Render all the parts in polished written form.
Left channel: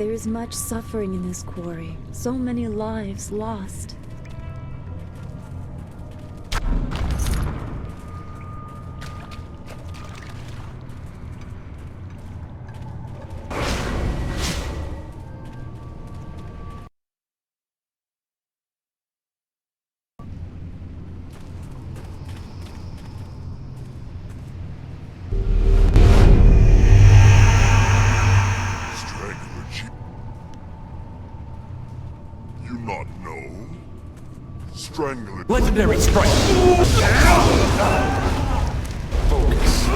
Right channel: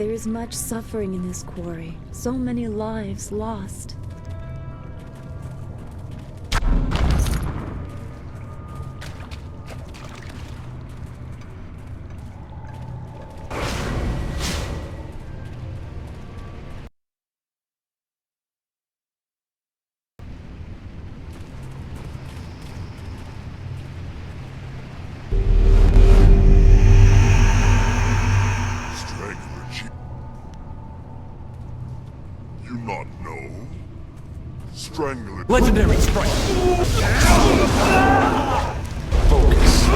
There is much suffering in this quarry, so many lives lost. Strangler Jade. You not know? Strangler. Legendary strike. Focus.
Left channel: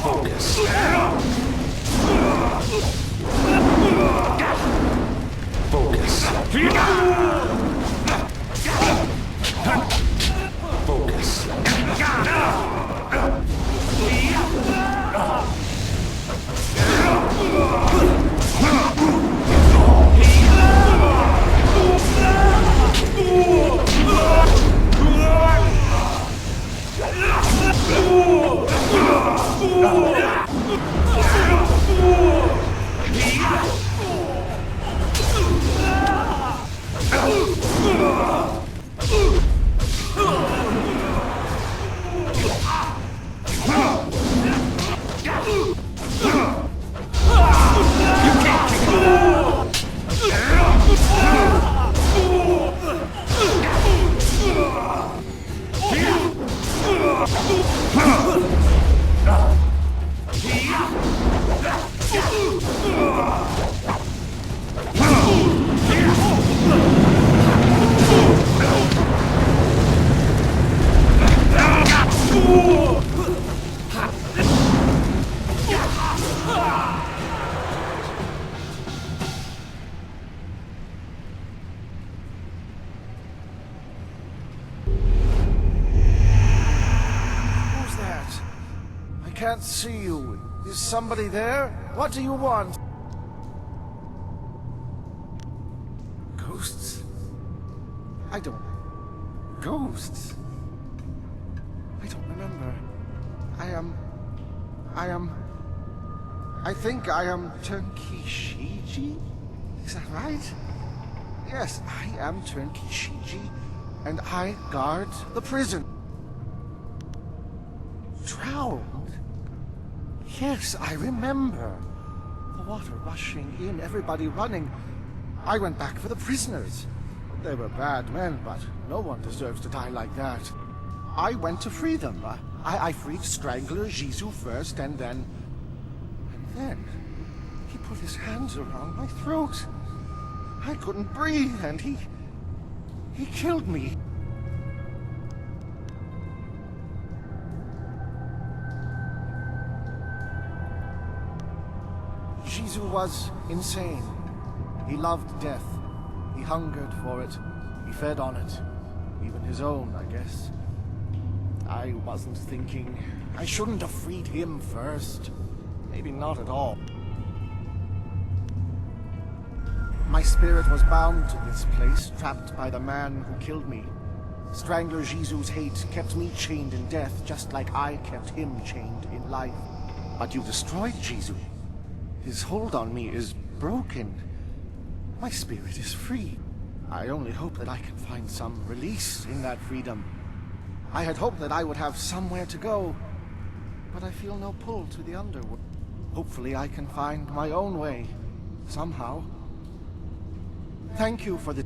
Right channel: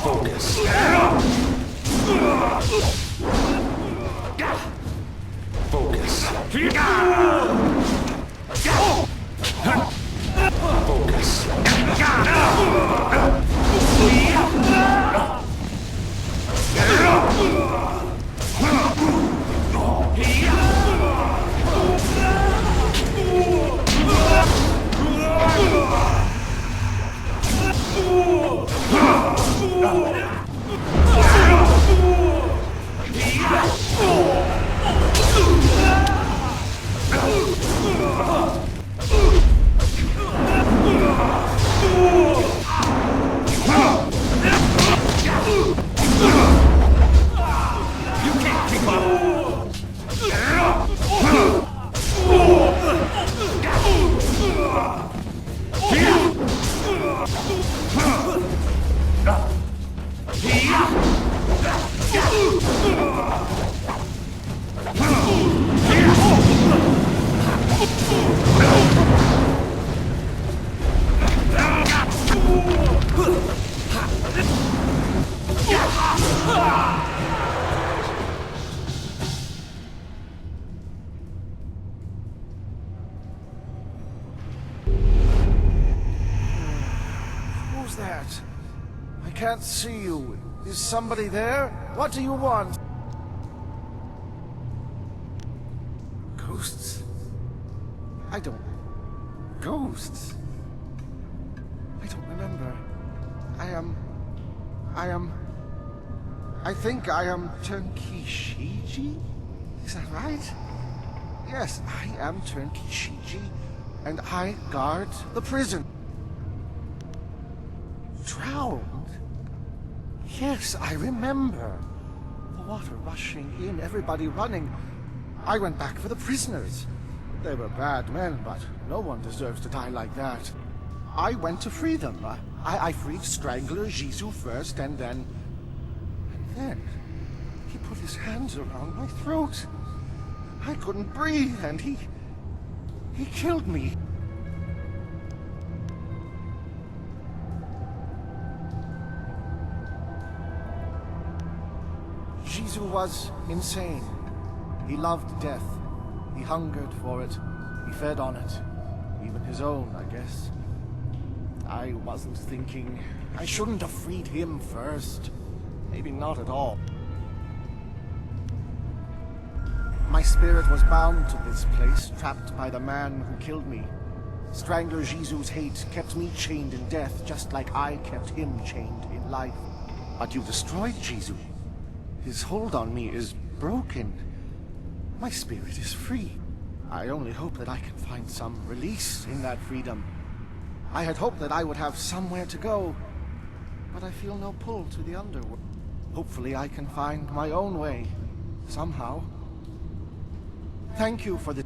Focus. Focus. Focus. You can't kick me. Who's that? I can't see you. Is somebody there? What do you want? Ghosts? I don't... Ghosts? I don't remember. I think I am Turnkey Shiji? Is that right? Yes, I am Turnkey Shiji, and I guard the prison. Drowned? Yes, I remember. The water rushing in, everybody running. I went back for the prisoners. They were bad men, but no one deserves to die like that. I went to free them. I freed Strangler Jizu first, and then he put his hands around my throat. I couldn't breathe, and he killed me. Jizu was insane. He loved death. He hungered for it. He fed on it. Even his own, I guess. I wasn't thinking. I shouldn't have freed him first. Maybe not at all. My spirit was bound to this place, trapped by the man who killed me. Strangler Jizu's hate kept me chained in death, just like I kept him chained in life. But you destroyed Jizu. His hold on me is broken. My spirit is free. I only hope that I can find some release in that freedom. I had hoped that I would have somewhere to go, but I feel no pull to the underworld. Hopefully I can find my own way, somehow. Thank you for the...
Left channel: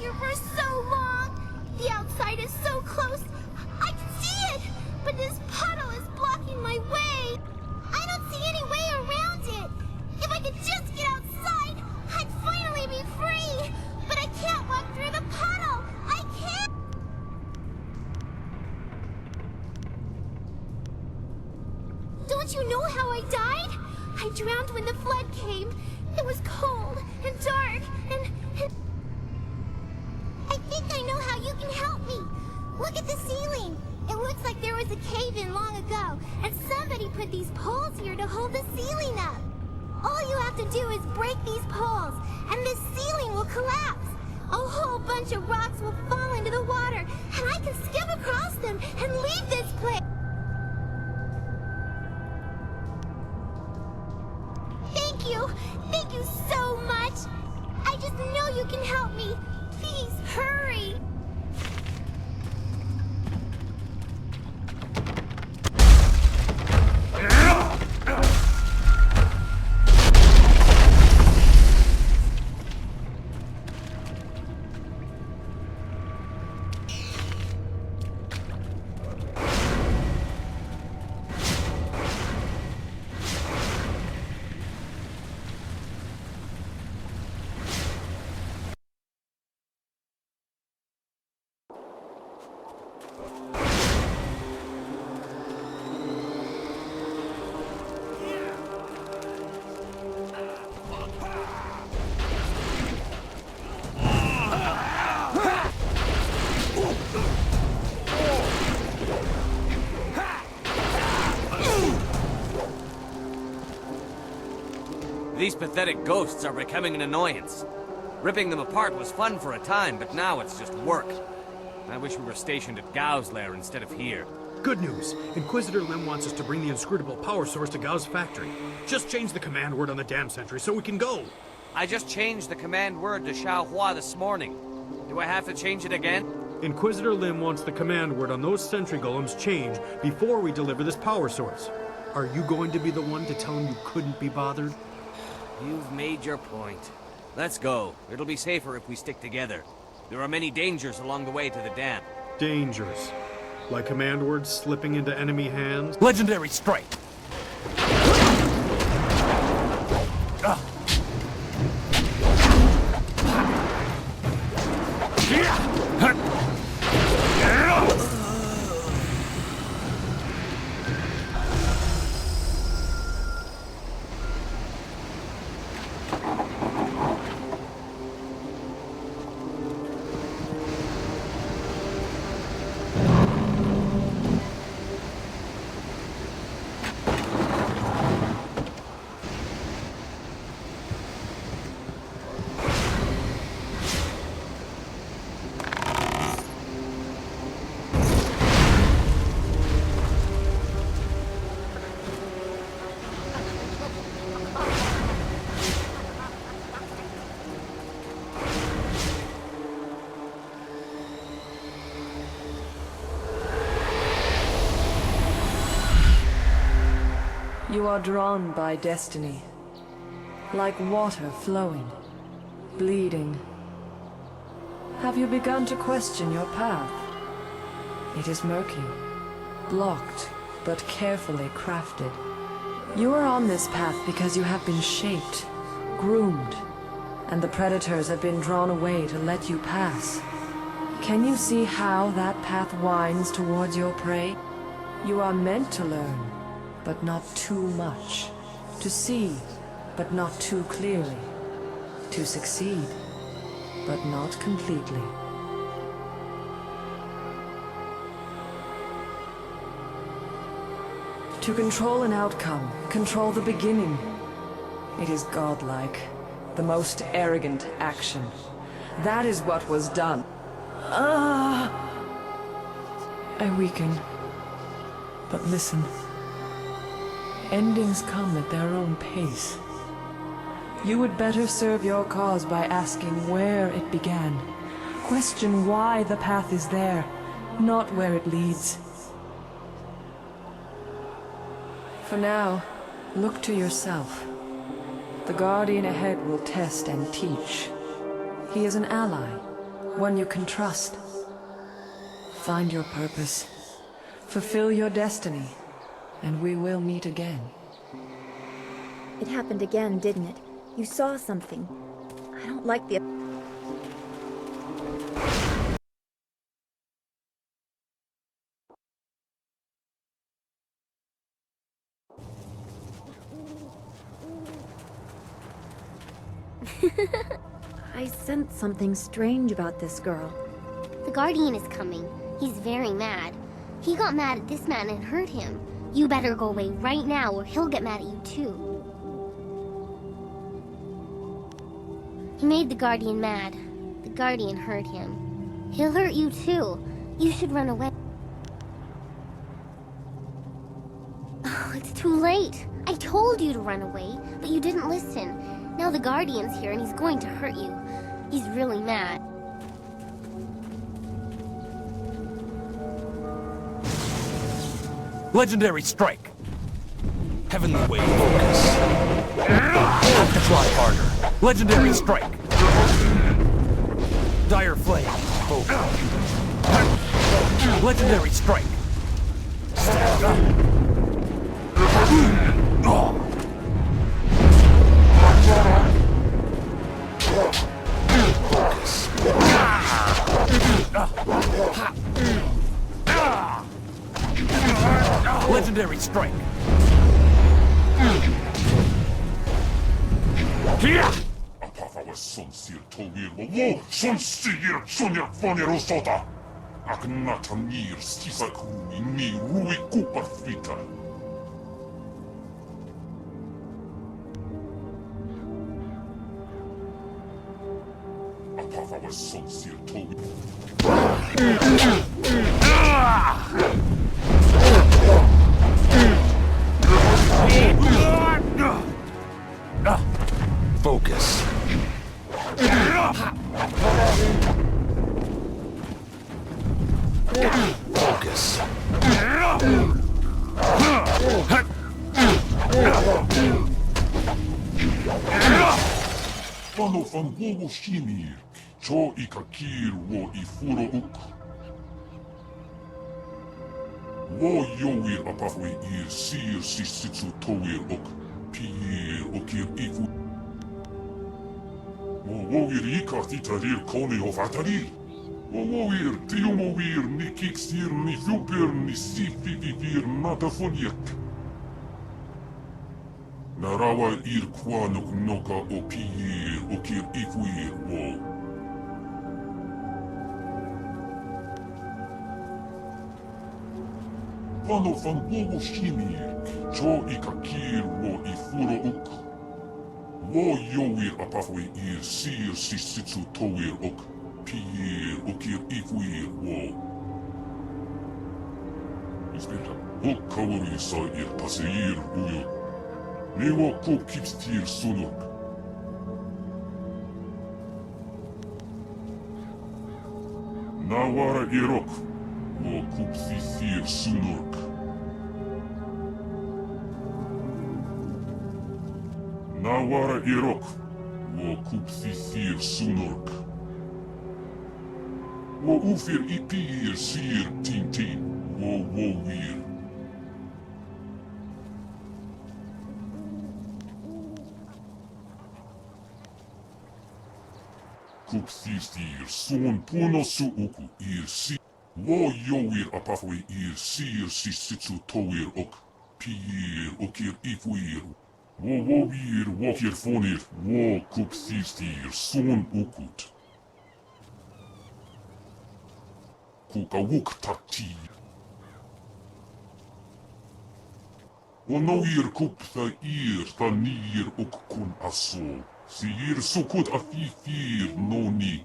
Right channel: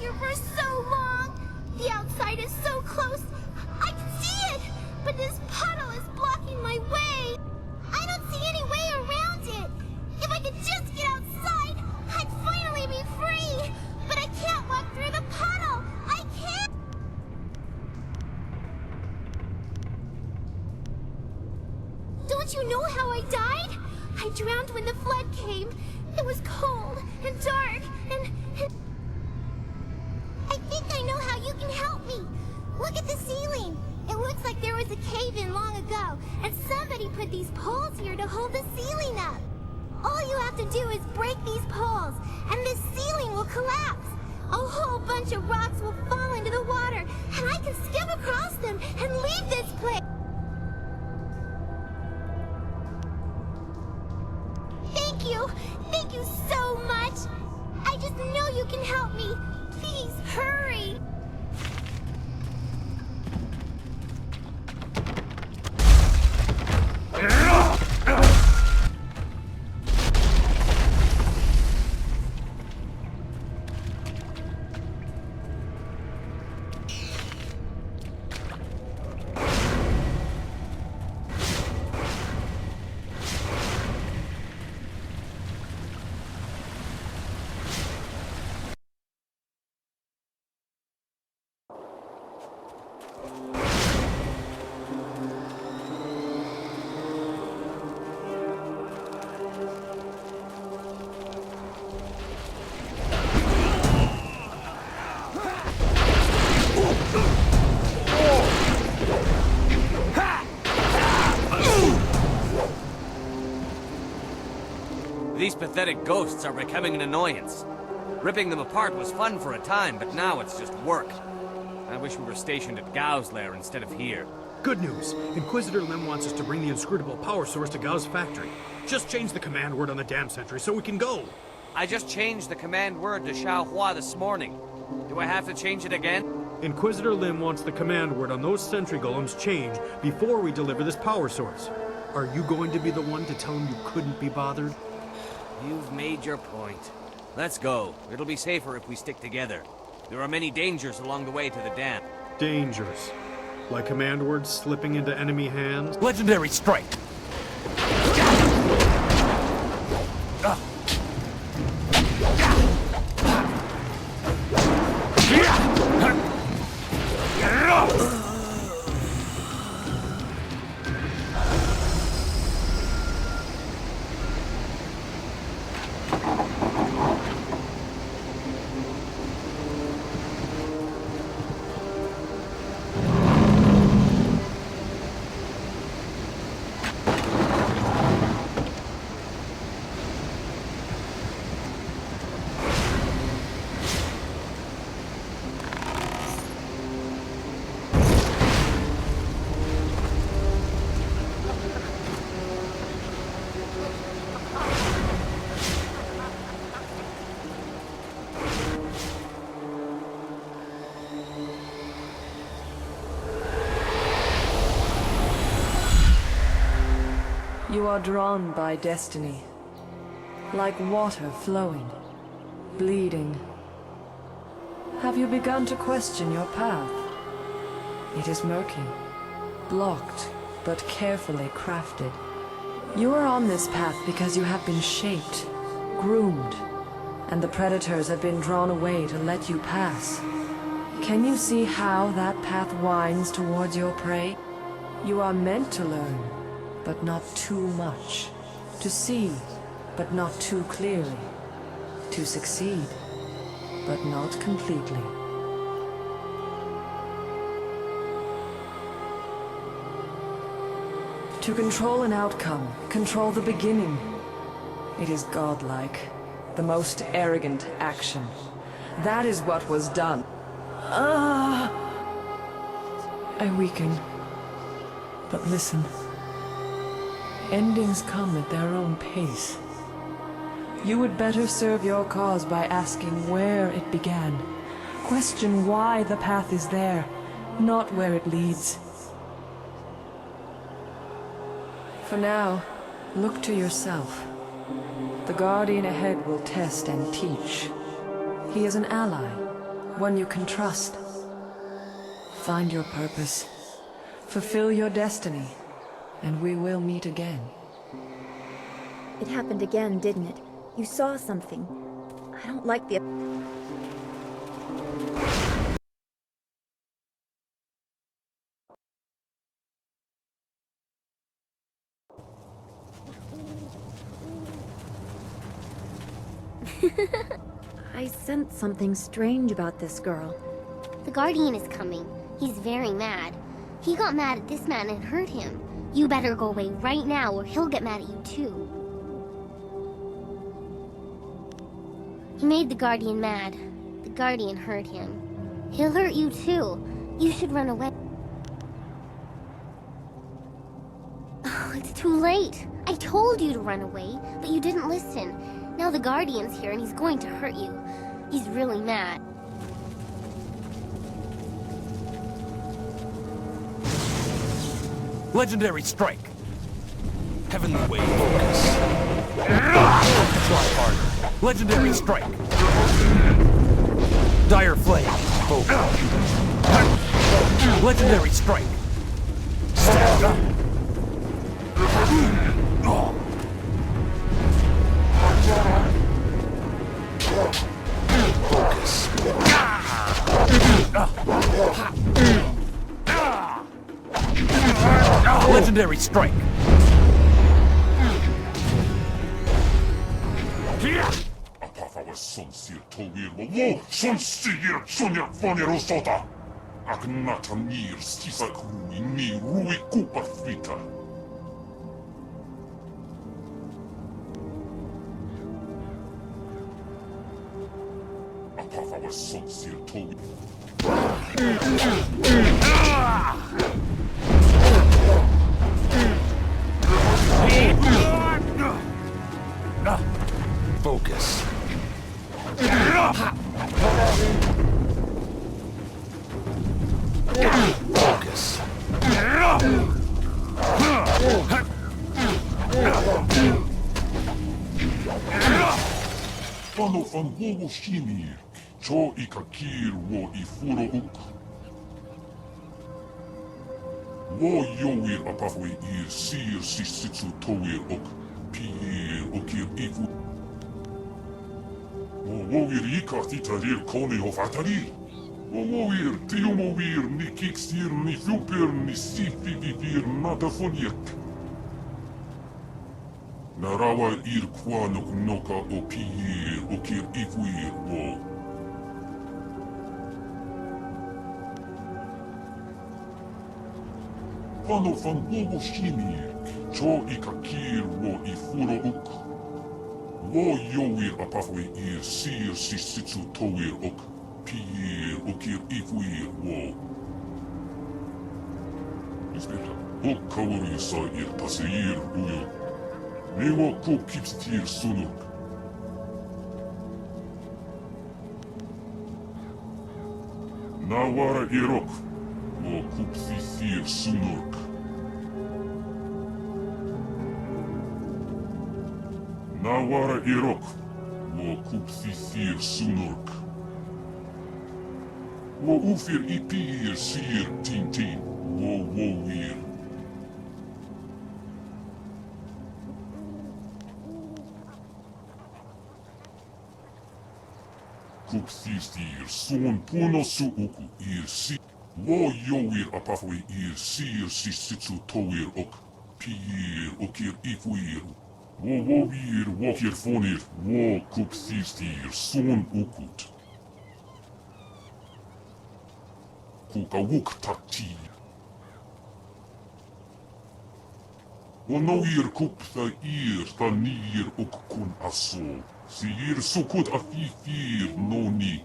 here for so long. The outside is so close. I can see it, but this puddle is blocking my way. I don't see any way around it. If I could just get outside, I'd finally be free. But I can't walk through the puddle. I can't. Don't you know how I died? I drowned when the flood came. It was cold and dark and... I think I know how you can help me. Look at the ceiling. It looks like there was a cave-in long ago, and somebody put these poles here to hold the ceiling up. All you have to do is break these poles, and this ceiling will collapse. A whole bunch of rocks will fall into the water, and I can skip across them and leave this place. Thank you. Thank you so much. I just know you can help me. Please, hurry. These pathetic ghosts are becoming an annoyance. Ripping them apart was fun for a time, but now it's just work. I wish we were stationed at Gao's lair instead of here. Good news. Inquisitor Lim wants us to bring the inscrutable power source to Gao's factory. Just change the command word on the dam sentry so we can go. I just changed the command word to Xiaohua this morning. Do I have to change it again? Inquisitor Lim wants the command word on those sentry golems changed before we deliver this power source. Are you going to be the one to tell him you couldn't be bothered? You've made your point. Let's go. It'll be safer if we stick together. There are many dangers along the way to the dam. Dangers. Like command words slipping into enemy hands? Legendary strike. You are drawn by destiny, like water flowing, bleeding. Have you begun to question your path? It is murky, blocked, but carefully crafted. You are on this path because you have been shaped, groomed, and the predators have been drawn away to let you pass. Can you see how that path winds towards your prey? You are meant to learn, but not too much. To see, but not too clearly. To succeed, but not completely. To control an outcome, control the beginning. It is godlike, the most arrogant action. That is what was done. I weaken. But listen. Endings come at their own pace. You would better serve your cause by asking where it began. Question why the path is there, not where it leads. For now, look to yourself. The Guardian ahead will test and teach. He is an ally, one you can trust. Find your purpose, fulfill your destiny, and we will meet again. It happened again, didn't it? You saw something. I don't like the... I sense something strange about this girl. The Guardian is coming. He's very mad. He got mad at this man and hurt him. You better go away right now or he'll get mad at you too. He made the Guardian mad. The Guardian hurt him. He'll hurt you too. You should run away. Oh, it's too late. I told you to run away, but you didn't listen. Now the Guardian's here and he's going to hurt you. He's really mad. Legendary strike. Heavenly wave focus. Have to try harder. Legendary strike. Dire flame focus. Legendary strike. Stand up. Focus. Legendary strike. Apafa son sir towir wo son sigir sonia fonero sota. Aknata nir sisa krui ni rui kupa fita. Apafa son sir towir. Focus. Focus. Vano van wowo shimir, cho ikakir wo ifuro uk. Wo yowir apafwe ir sir sisitsu towir ok, pir okir ifu. Wowir ikatitarir kone of atarir. Wowir tiumowir ni kiksir ni fuper ni sifivivir natafoniek. Narawa ir kwanok noka o pir okir ifuir wo. Vano van wowo shimir, cho ikakir wo ifuro uk. Wo yowir apafwe ir sir sisitsu towir ok, pir okir ifuir wo. Ispeta, hok kawari sa ir paseir uyo. Newo kop kipstir sunok. Nawara irok, wo kupsisir sunok. Nawara irok, wo kupsisir sunok. Wo ufir ipir sir tintin, wo wir. Kupsisir son puno su uku ir si. Wo yowir apafwe ir sir sisitsu towir ok. Pir okir ifuir. Wo wir wokir fonir. Wo kupsisir son ukut. Kukawuk takti. Onoir kupta ir tanir ok kun aso. Sir sukut afifir noni.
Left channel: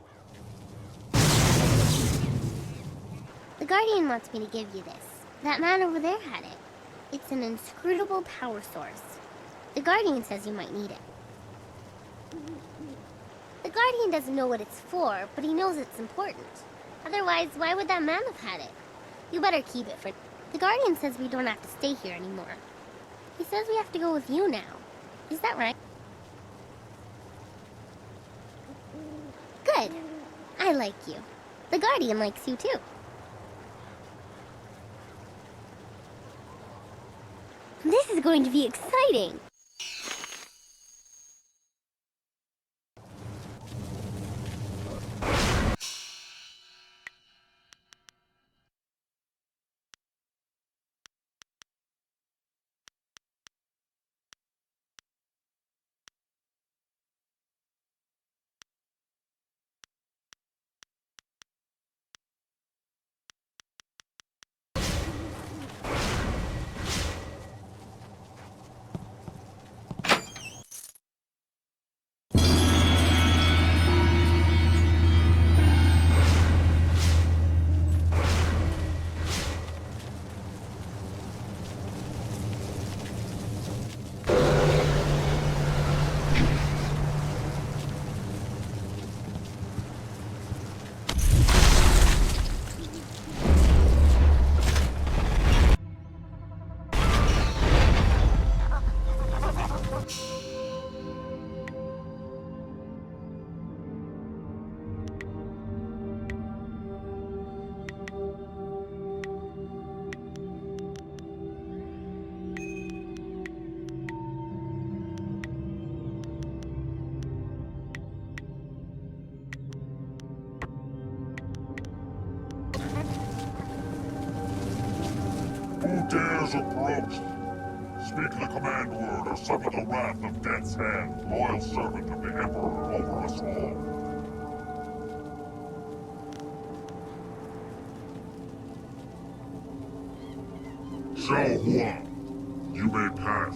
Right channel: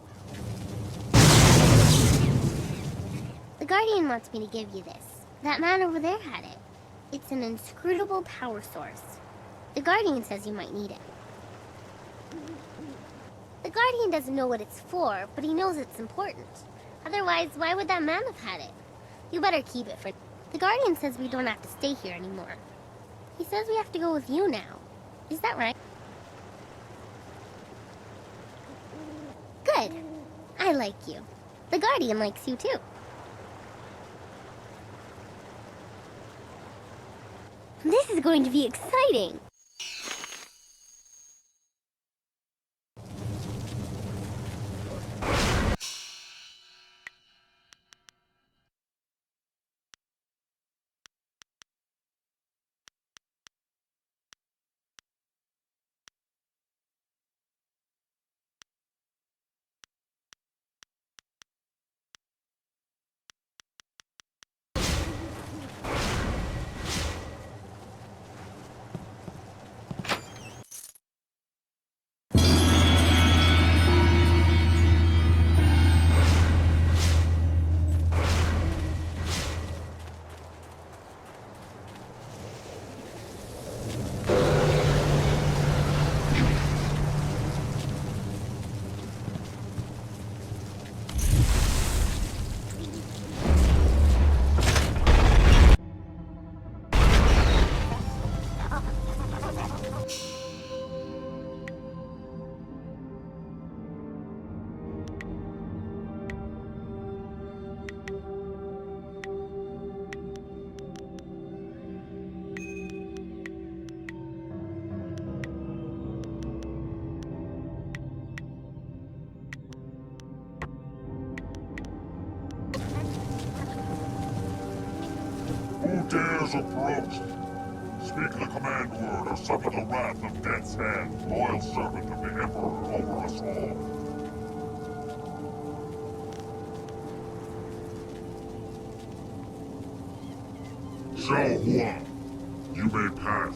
The Guardian wants me to give you this. That man over there had it. It's an inscrutable power source. The Guardian says you might need it. The Guardian doesn't know what it's for, but he knows it's important. Otherwise, why would that man have had it? You better keep it for... The Guardian says we don't have to stay here anymore. He says we have to go with you now. Is that right? Good. I I like you. The Guardian likes you too. This is going to be exciting. Who dares approach? Speak the command word or suffer the wrath of Death's Hand, loyal servant of the Emperor over us all. Xiao Hua, you may pass.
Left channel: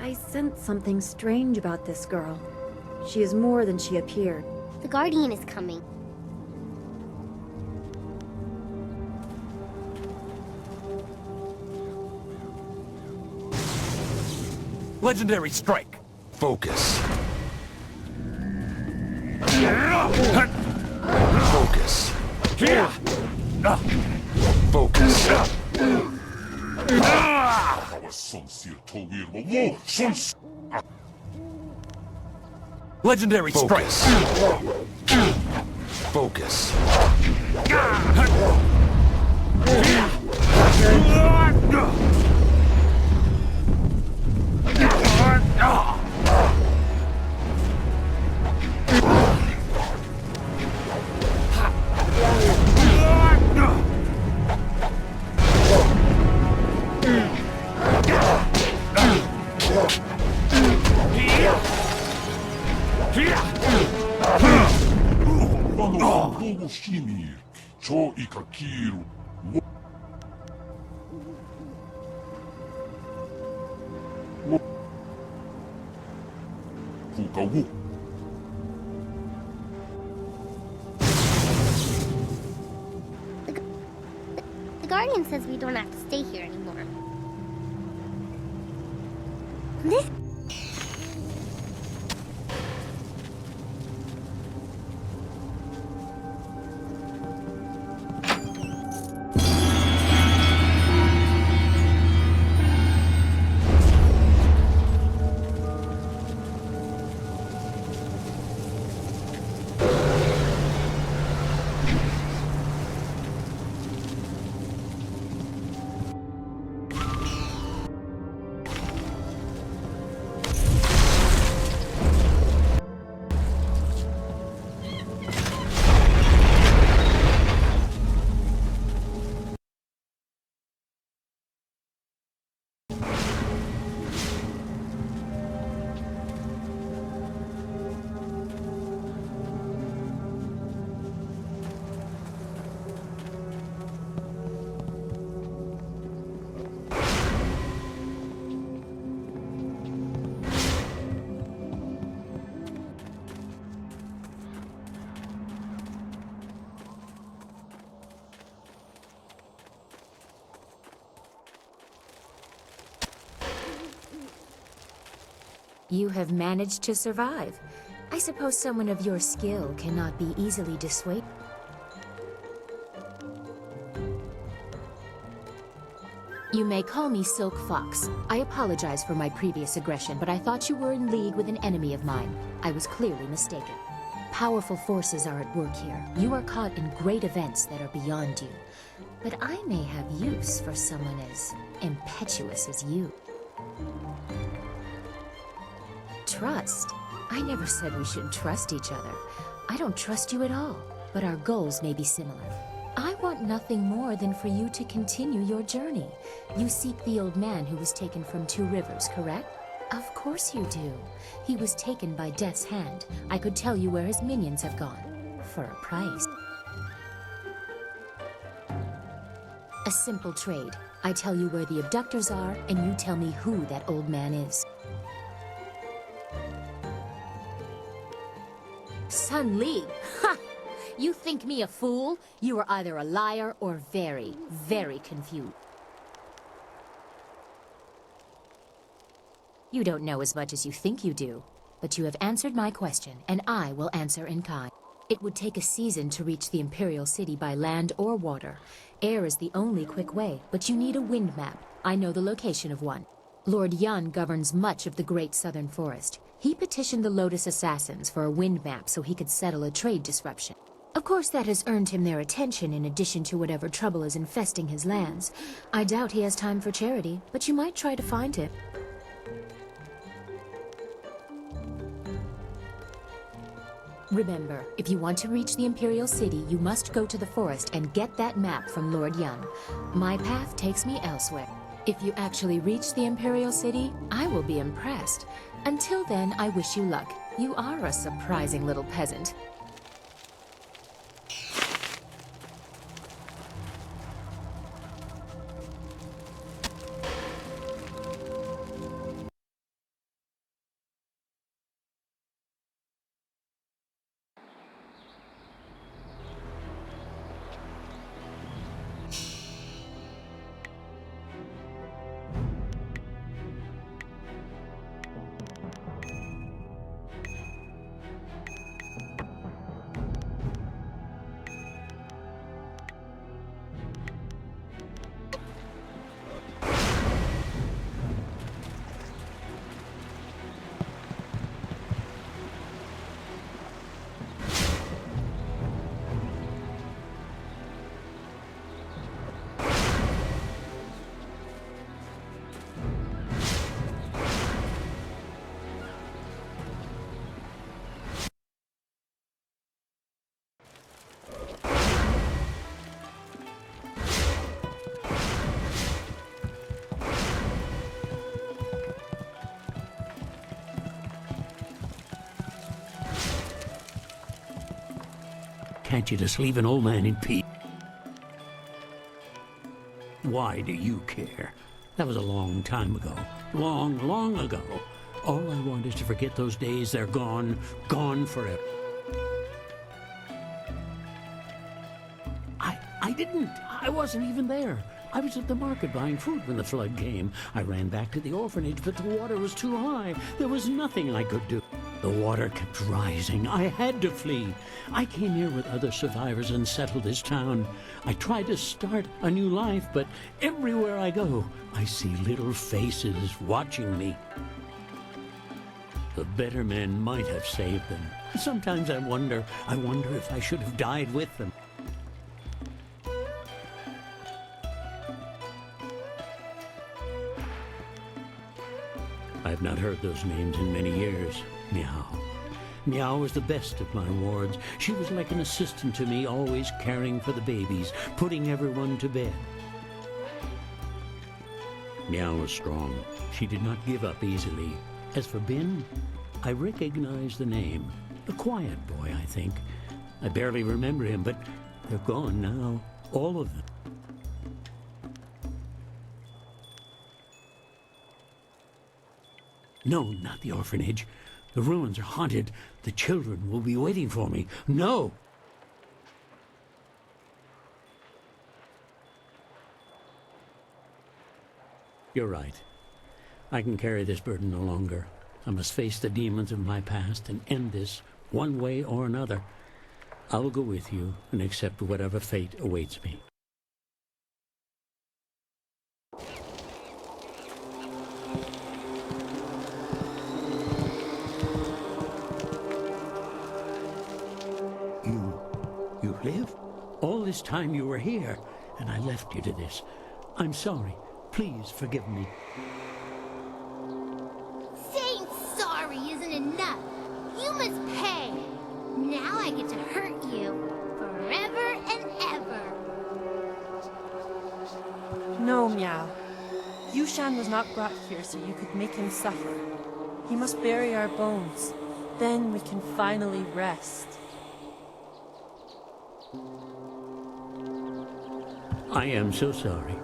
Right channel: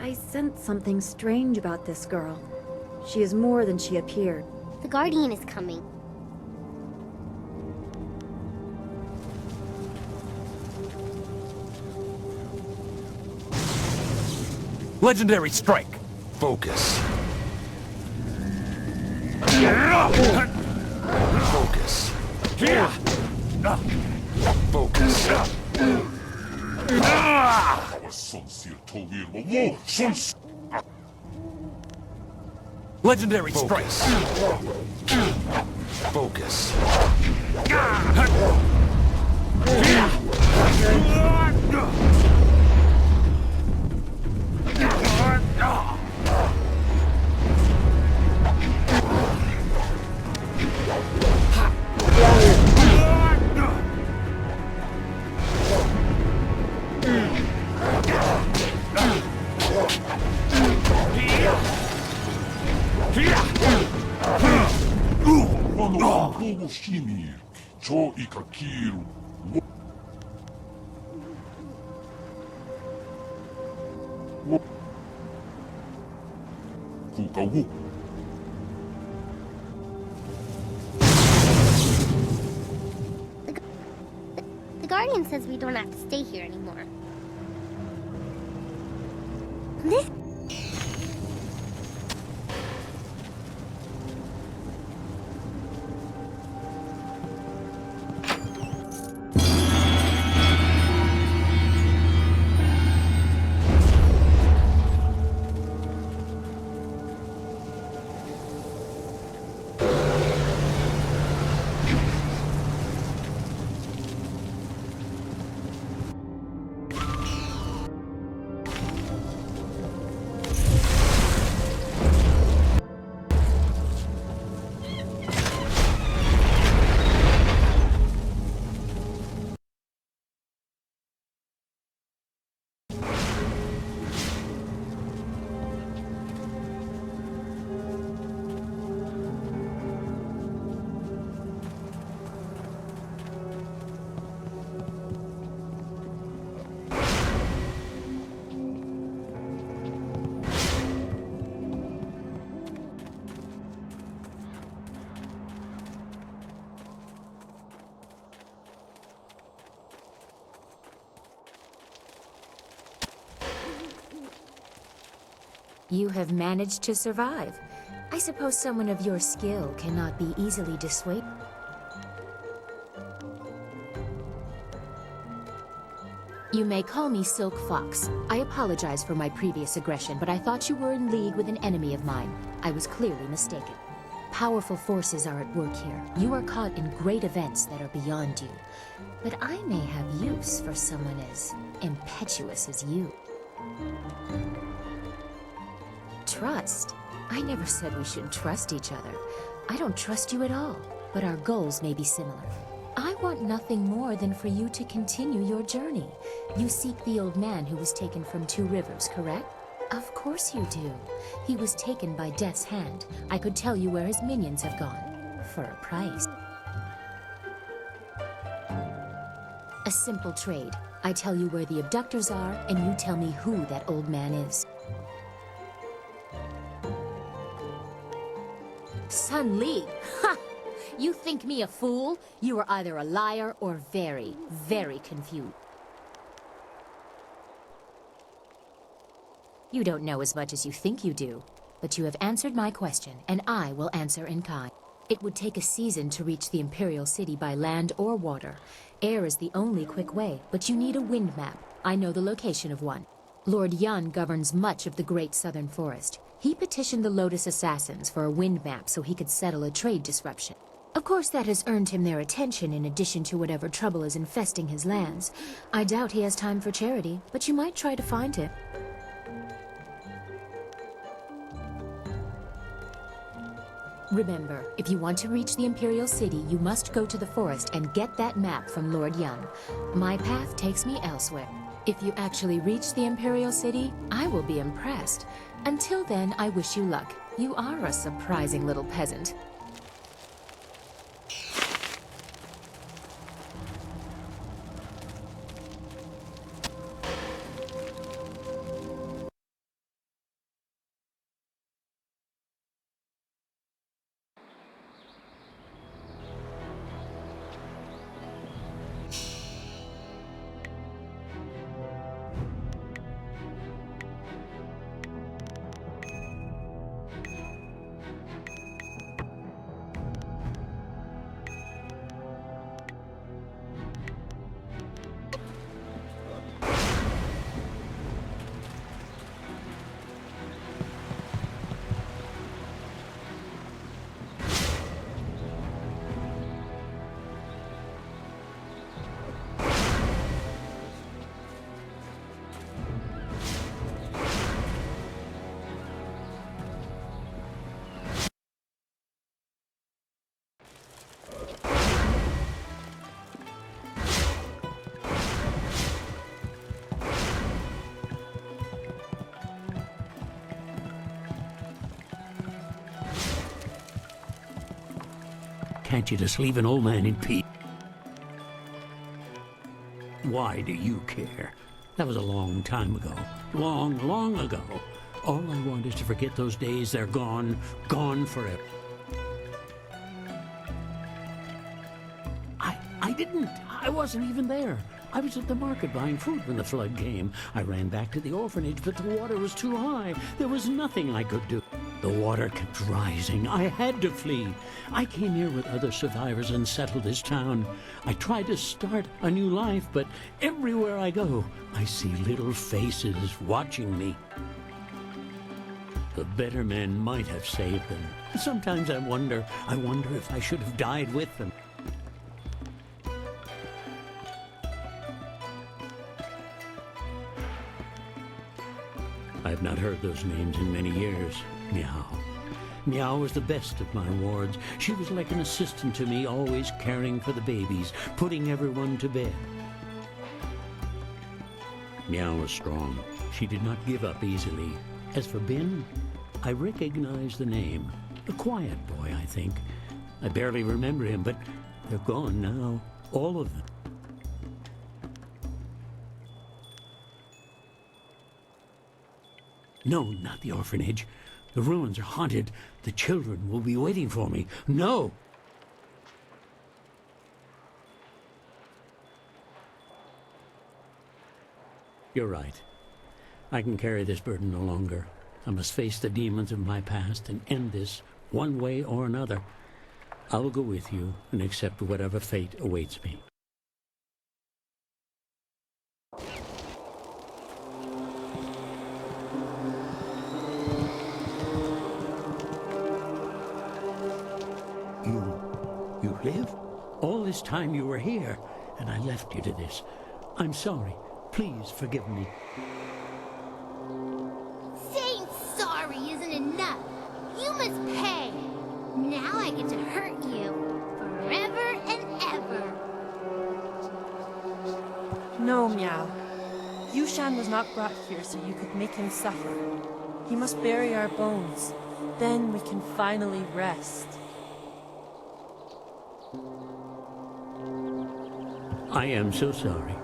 I sense something strange about this girl. She is more than she appeared. The Guardian is coming. Legendary strike. Focus. Focus. Focus. Our sincere Towir will sons. Legendary strike. Focus. Vano van Bogo Shimir, Cho Ikakiru. Kukawu. The Guardian says we don't have to stay here anymore. This... You have managed to survive. I suppose someone of your skill cannot be easily dissuaded. You may call me Silk Fox. I apologize for my previous aggression, but I thought you were in league with an enemy of mine. I was clearly mistaken. Powerful forces are at work here. You are caught in great events that are beyond you. But I may have use for someone as impetuous as you. Trust? I never said we should trust each other. I don't trust you at all, but our goals may be similar. I want nothing more than for you to continue your journey. You seek the old man who was taken from Two Rivers, correct? Of course you do. He was taken by Death's hand. I could tell you where his minions have gone. For a price. A simple trade. I tell you where the abductors are, and you tell me who that old man is. Sun Li! Ha! You think me a fool? You are either a liar or very, very confused. You don't know as much as you think you do, but you have answered my question, and I will answer in kind. It would take a season to reach the Imperial City by land or water. Air is the only quick way, but you need a wind map. I know the location of one. Lord Yan governs much of the Great Southern Forest. He petitioned the Lotus Assassins for a wind map so he could settle a trade disruption. Of course, that has earned him their attention in addition to whatever trouble is infesting his lands. I doubt he has time for charity, but you might try to find him. Remember, if you want to reach the Imperial City, you must go to the forest and get that map from Lord Yan. My path takes me elsewhere. If you actually reach the Imperial City, I will be impressed. Until then, I wish you luck. You are a surprising little peasant. Can't you just leave an old man in peace? Why do you care? That was a long time ago. Long, long ago. All I want is to forget those days. They're gone. Gone forever. I didn't. I wasn't even there. I was at the market buying fruit when the flood came. I ran back to the orphanage, but the water was too high. There was nothing I could do. The water kept rising. I had to flee. I came here with other survivors and settled this town. I tried to start a new life, but everywhere I go, I see little faces watching me. The better men might have saved them. Sometimes I wonder if I should have died with them. I've not heard those names in many years. Meow. Meow was the best of my wards. She was like an assistant to me, always caring for the babies, putting everyone to bed. Meow was strong. She did not give up easily. As for Bin, I recognize the name. A quiet boy, I think. I barely remember him, but they're gone now. All of them. No, not the orphanage. The ruins are haunted. The children will be waiting for me. No! You're right. I can carry this burden no longer. I must face the demons of my past and end this one way or another. I will go with you and accept whatever fate awaits me. You live? All this time you were here, and I left you to this. I'm sorry. Please forgive me. Saying sorry isn't enough. You must pay. Now I get to hurt you. Forever and ever. No, Meow. Yushan was not brought here so you could make him suffer. He must bury our bones. Then we can finally rest. I am so sorry.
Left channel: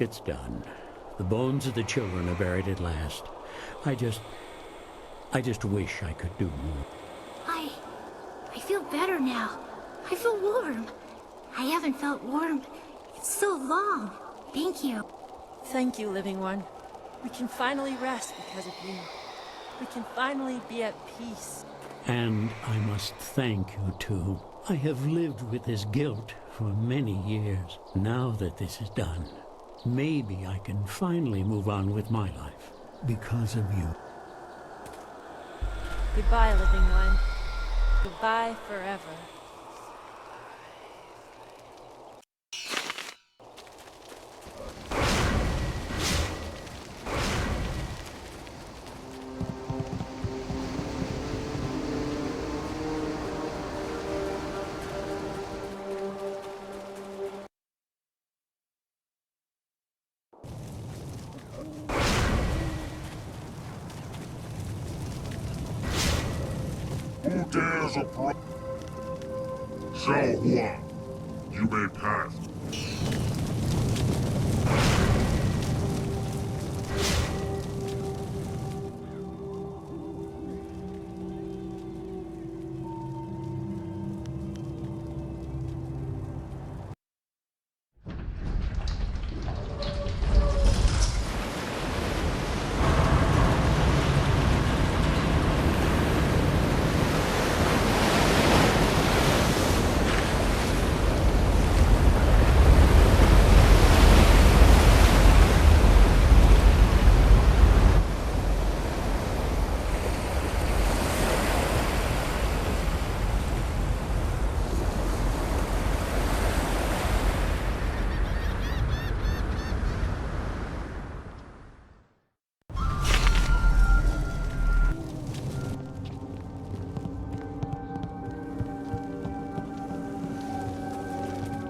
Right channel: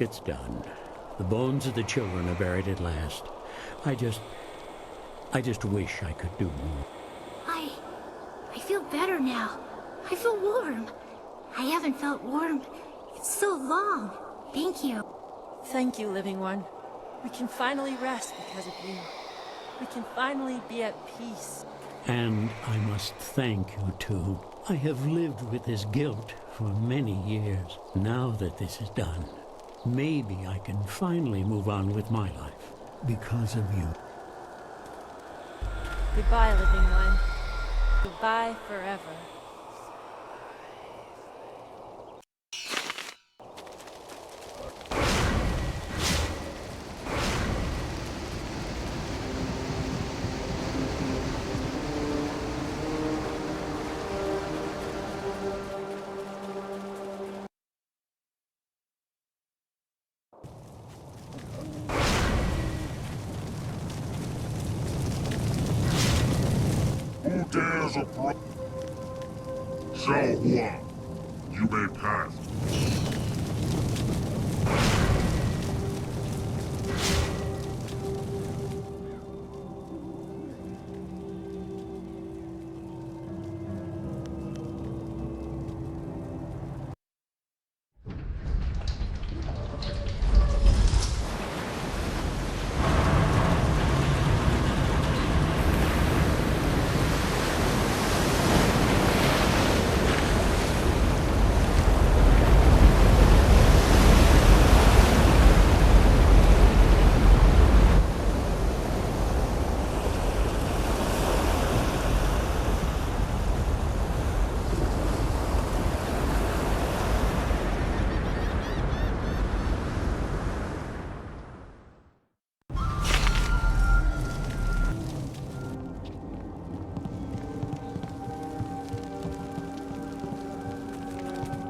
It's done. The bones of the children are buried at last. I just wish I could do more. I feel better now. I feel warm. I haven't felt warm in so long. Thank you. Thank you, Living One. We can finally rest because of you. We can finally be at peace. And I must thank you, too. I have lived with this guilt for many years. Now that this is done, maybe I can finally move on with my life because of you. Goodbye, Living One. Goodbye forever. Who dares approach? Xiao Hua, you may pass.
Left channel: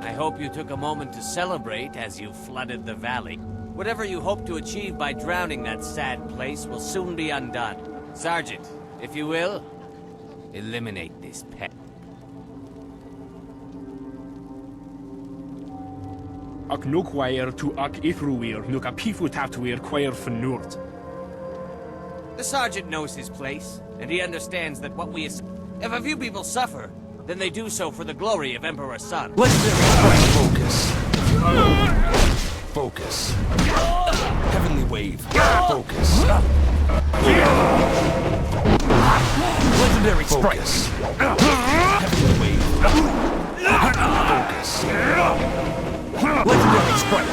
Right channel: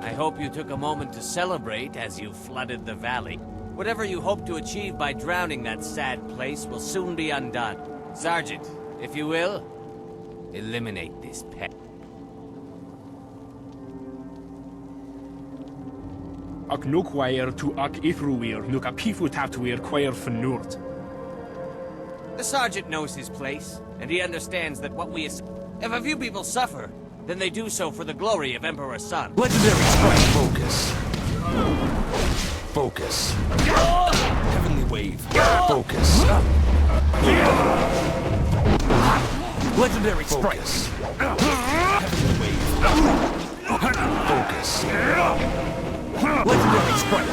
I hope you took a moment to celebrate as you flooded the valley. Whatever you hope to achieve by drowning that sad place will soon be undone. Sergeant, if you will, eliminate this pest. Ac nukwair tu ac ithruir nuk a pifu taptuir quair fnurt. The sergeant knows his place, and he understands that what we... If a few people suffer, then they do so for the glory of Emperor Sun. Legendary strike. Focus. Focus. Heavenly wave. Focus. Legendary strike. Heavenly wave. Focus. Legendary strike.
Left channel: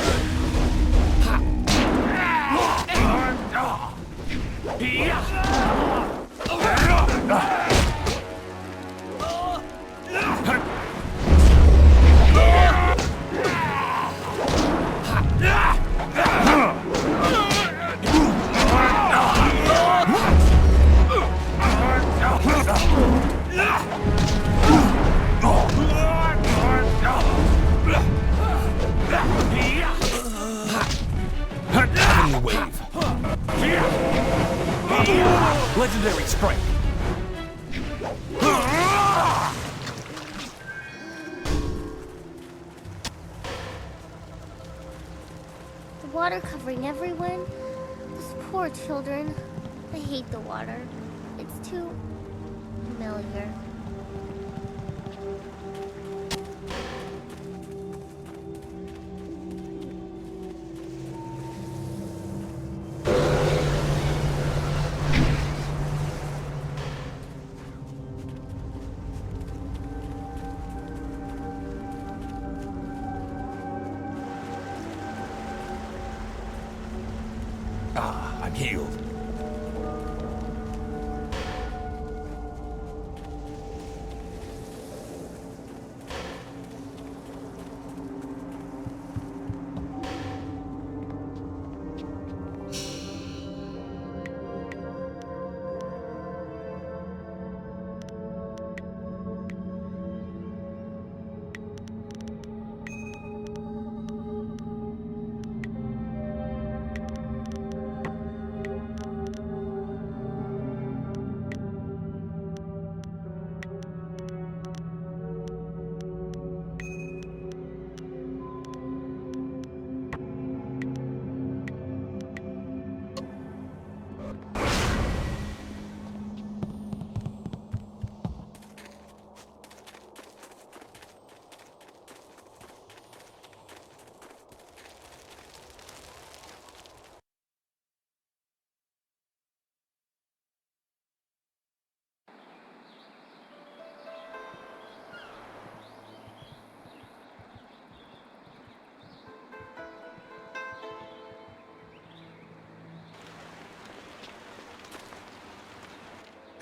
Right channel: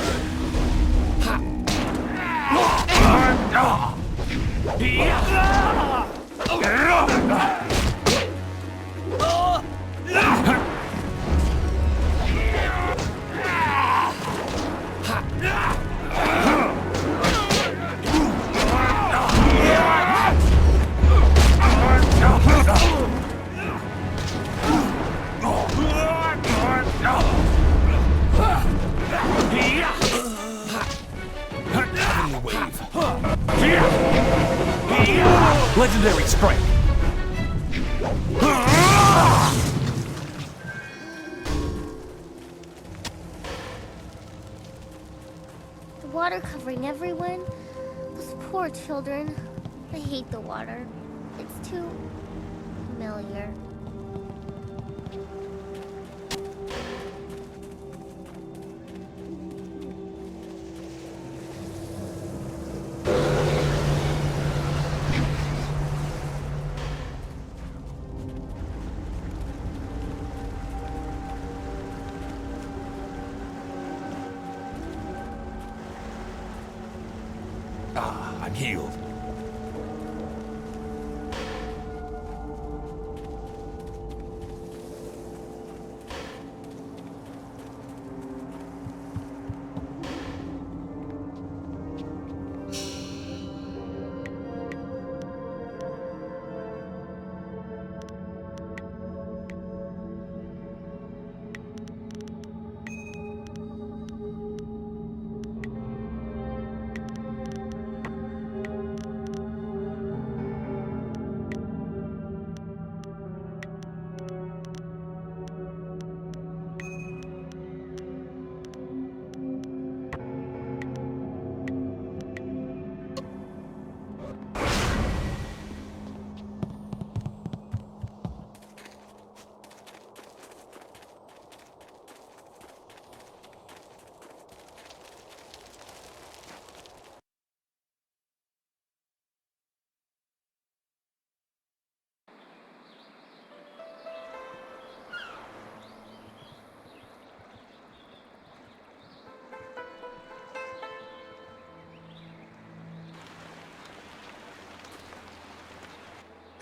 Legendary strike! The water covering everyone. Those poor children. I hate the water. It's too familiar.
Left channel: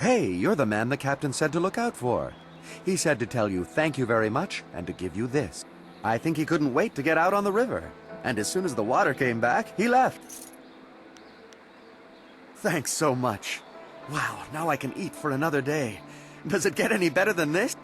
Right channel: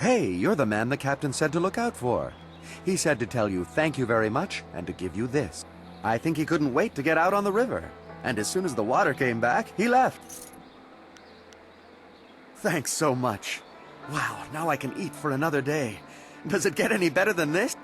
Hey, you're the man the captain said to look out for. He said to tell you thank you very much and to give you this. I think he couldn't wait to get out on the river. And as soon as the water came back, he left. Thanks so much. Wow, now I can eat for another day. Does it get any better than this?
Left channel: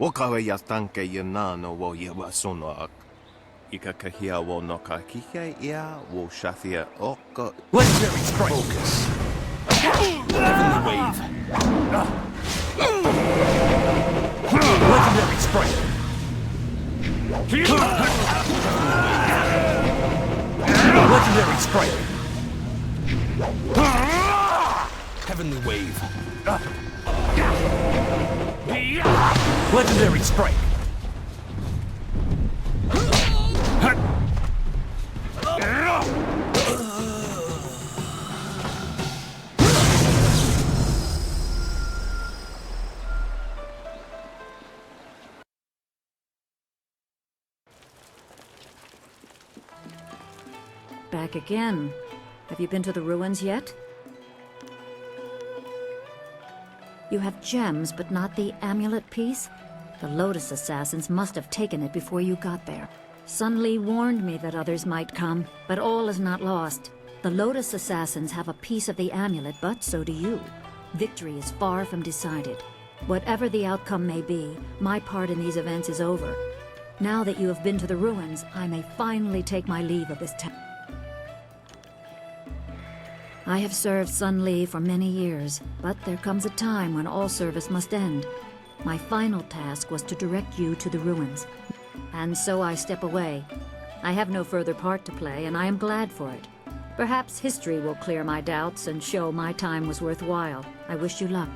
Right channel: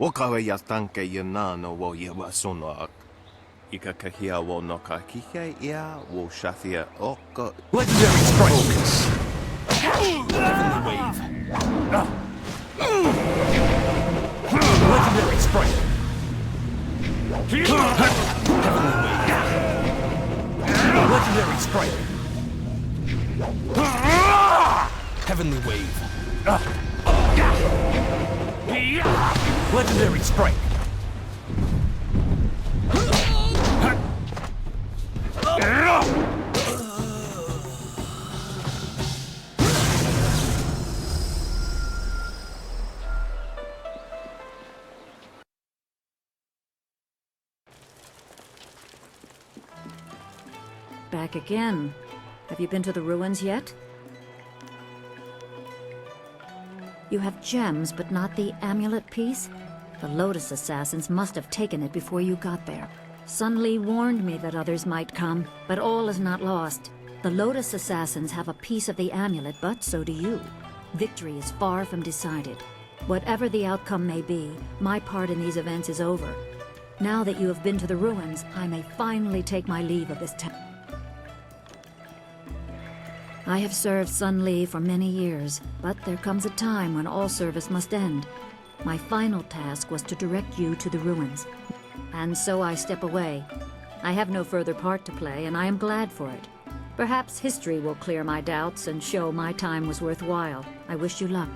Wakawe ya tanke ya nano wo ye wa sonoak. Ika kahia wo no ka kike ia wo shathia oko. Legendary strike! Focus. Heavenly wave. Legendary strike! Heavenly wave. Legendary strike! Heavenly wave. Legendary strike! Back again. Have you been to the ruins yet? You have gems, but not the amulet piece? The Lotus Assassins must have taken it before you got there. Sun Li warned me that others might come, but all is not lost. The Lotus Assassins have a piece of the amulet, but so do you. Victory is far from decided. Whatever the outcome may be, my part in these events is over. Now that you have been to the ruins, I may finally take my leave of this town. I have served Sun Li for many years, but there comes a time when all service must end. My final task was to direct you to the ruins. And so I step away. I have no further part to play, and I am glad for it. Perhaps history will clear my doubts and show my time was worthwhile. I wish you luck.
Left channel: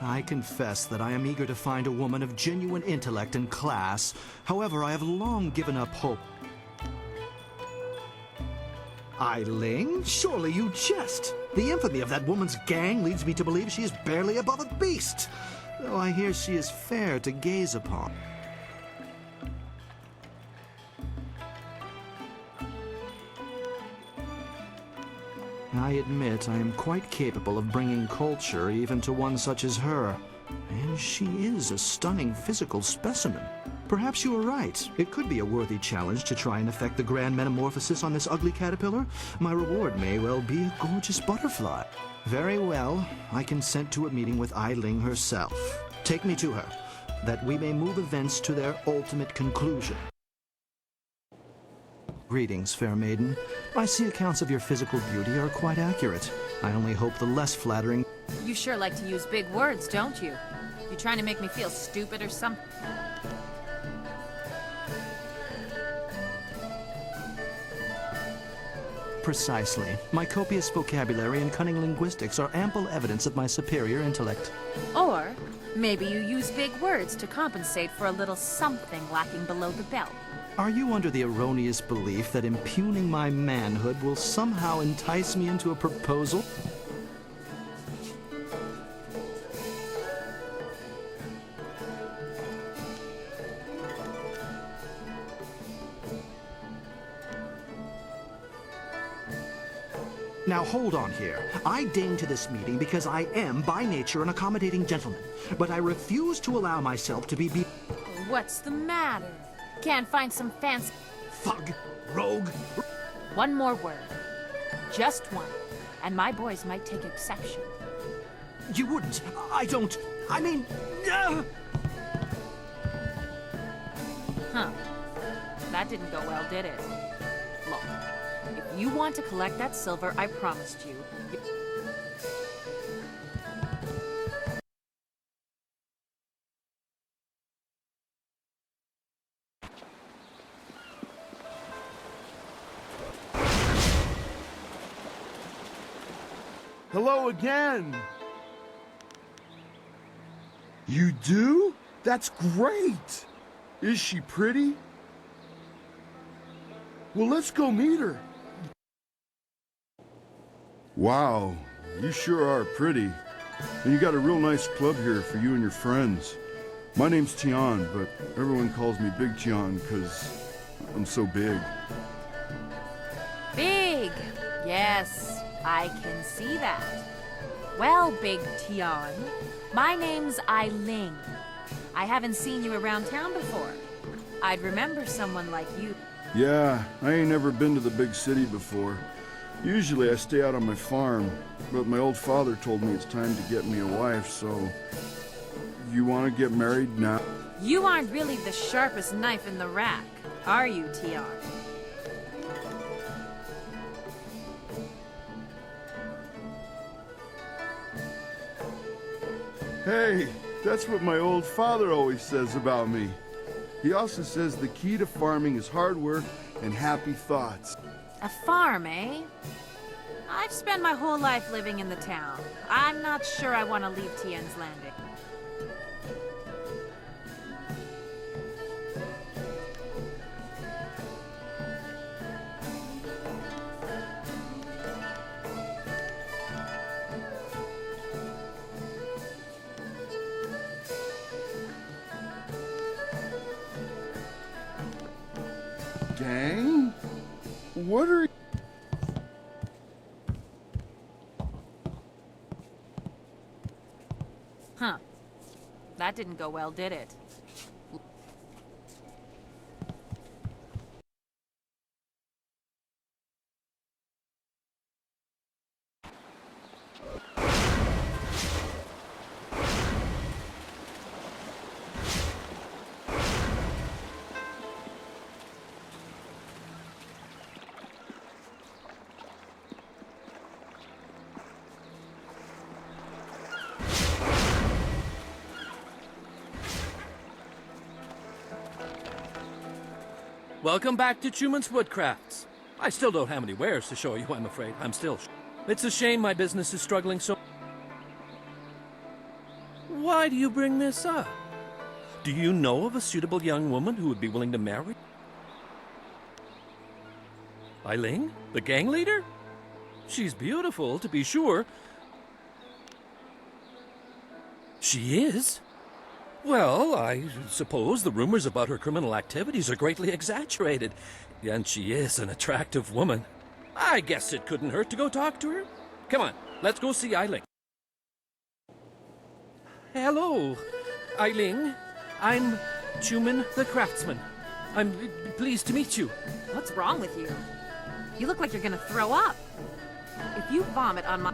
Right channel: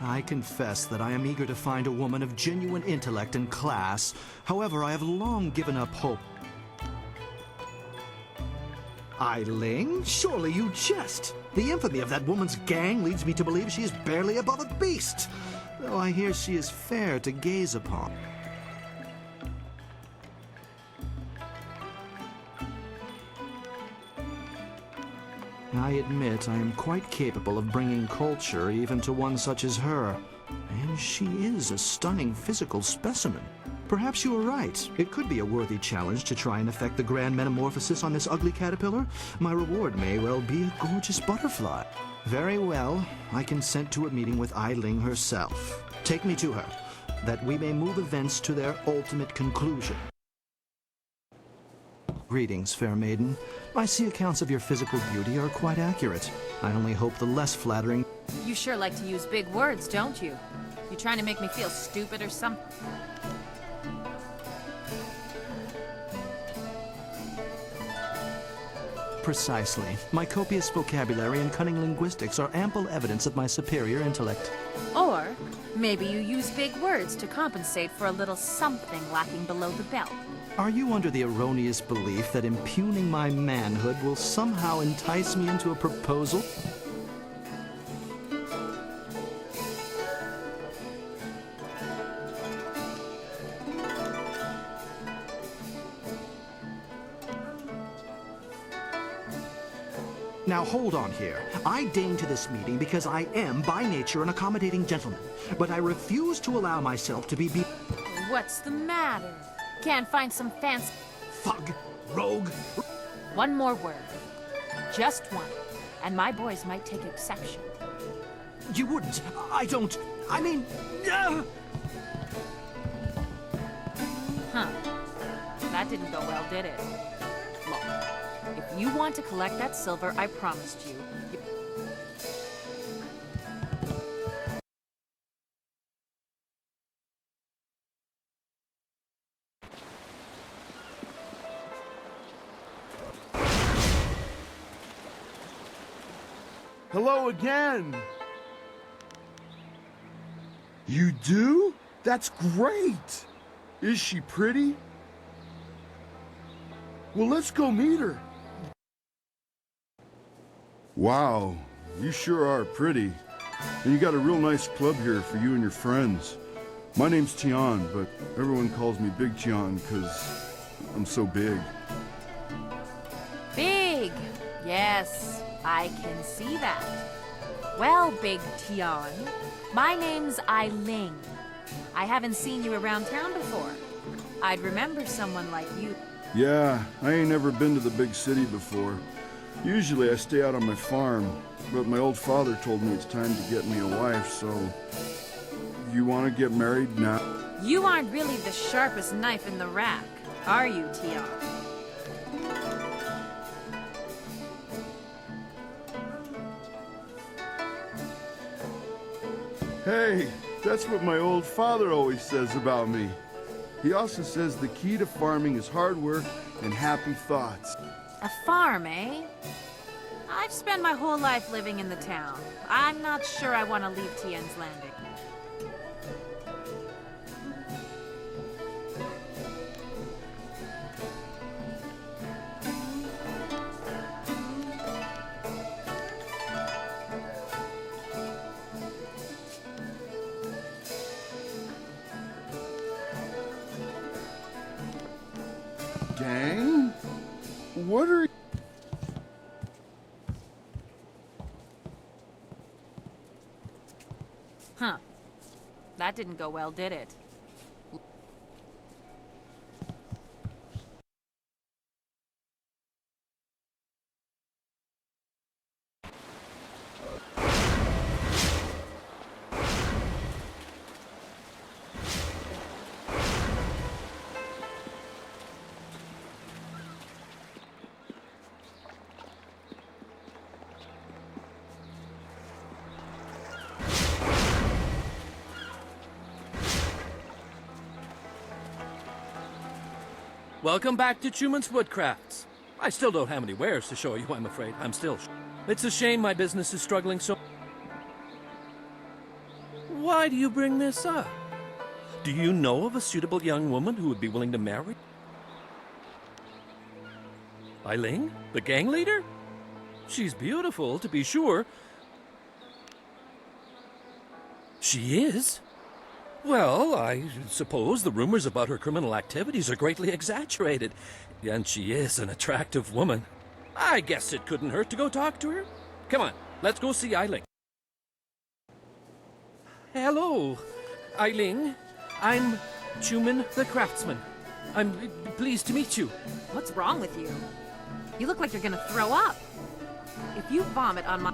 I confess that I am eager to find a woman of genuine intellect and class. However, I have long given up hope. Eiling? Surely you jest. The infamy of that woman's gang leads me to believe she is barely above a beast, though I hear she is fair to gaze upon. I admit I am quite capable of bringing culture even to one such as her. And she is a stunning physical specimen. Perhaps you are right. It could be a worthy challenge to try and effect the grand metamorphosis on this ugly caterpillar. My reward may well be a gorgeous butterfly. Very well. I consent to a meeting with Eiling herself. Take me to her, that we may move events to their ultimate conclusion. Greetings, fair maiden. I see accounts of your physical beauty are quite accurate. I only hope the less flattering... You sure like to use big words, don't you? You trying to make me feel stupid or something? Precisely. My copious vocabulary and cunning linguistics are ample evidence of my superior intellect. Or maybe you use big words to compensate for a little something lacking below the belt. Are you under the erroneous belief that impugning my manhood will somehow entice me into a proposal? Now hold on here. I deign to this meeting because I am, by nature, an accommodating gentleman. But I refuse to allow myself to be What's the matter? Can't find some fancy... Fug! Rogue! One more word. Just one. And my boys might take exception. You wouldn't. I don't. I mean... Huh. That didn't go well, did it? Look, if you want to collect that silver I promised you... Hello again! You do? That's great! Is she pretty? Well, let's go meet her. Wow, you sure are pretty. And you got a real nice club here for you and your friends. My name's Tian, but everyone calls me Big Tian because I'm so big. Big! Yes, I can see that. Well, Big Tian, my name's Eiling. I haven't seen you around town before. I'd remember someone like you. Yeah, I ain't never been to the big city before. Usually I stay out on my farm, but my old father told me it's time to get me a wife, so... You want to get married now? You aren't really the sharpest knife in the rack, are you, Tian? Hey, that's what my old father always says about me. He also says the key to farming is hard work and happy thoughts. A farm, eh? I've spent my whole life living in the town. I'm not sure I want to leave Tian's Landing. Gang? What are you... Huh. That didn't go well, did it? Welcome back to Truman's Woodcrafts. I still don't have any wares to show you, I'm afraid. It's a shame my business is struggling so... Why do you bring this up? Do you know of a suitable young woman who would be willing to marry? Ailing, the gang leader? She's beautiful, to be sure. She is? Well, I suppose the rumors about her criminal activities are greatly exaggerated. And she is an attractive woman. I guess it couldn't hurt to go talk to her. Come on, let's go see Ailing. Hello, Ailing. I'm Chuman the Craftsman. I'm pleased to meet you. What's wrong with you? You look like you're gonna throw up. If you vomit on my...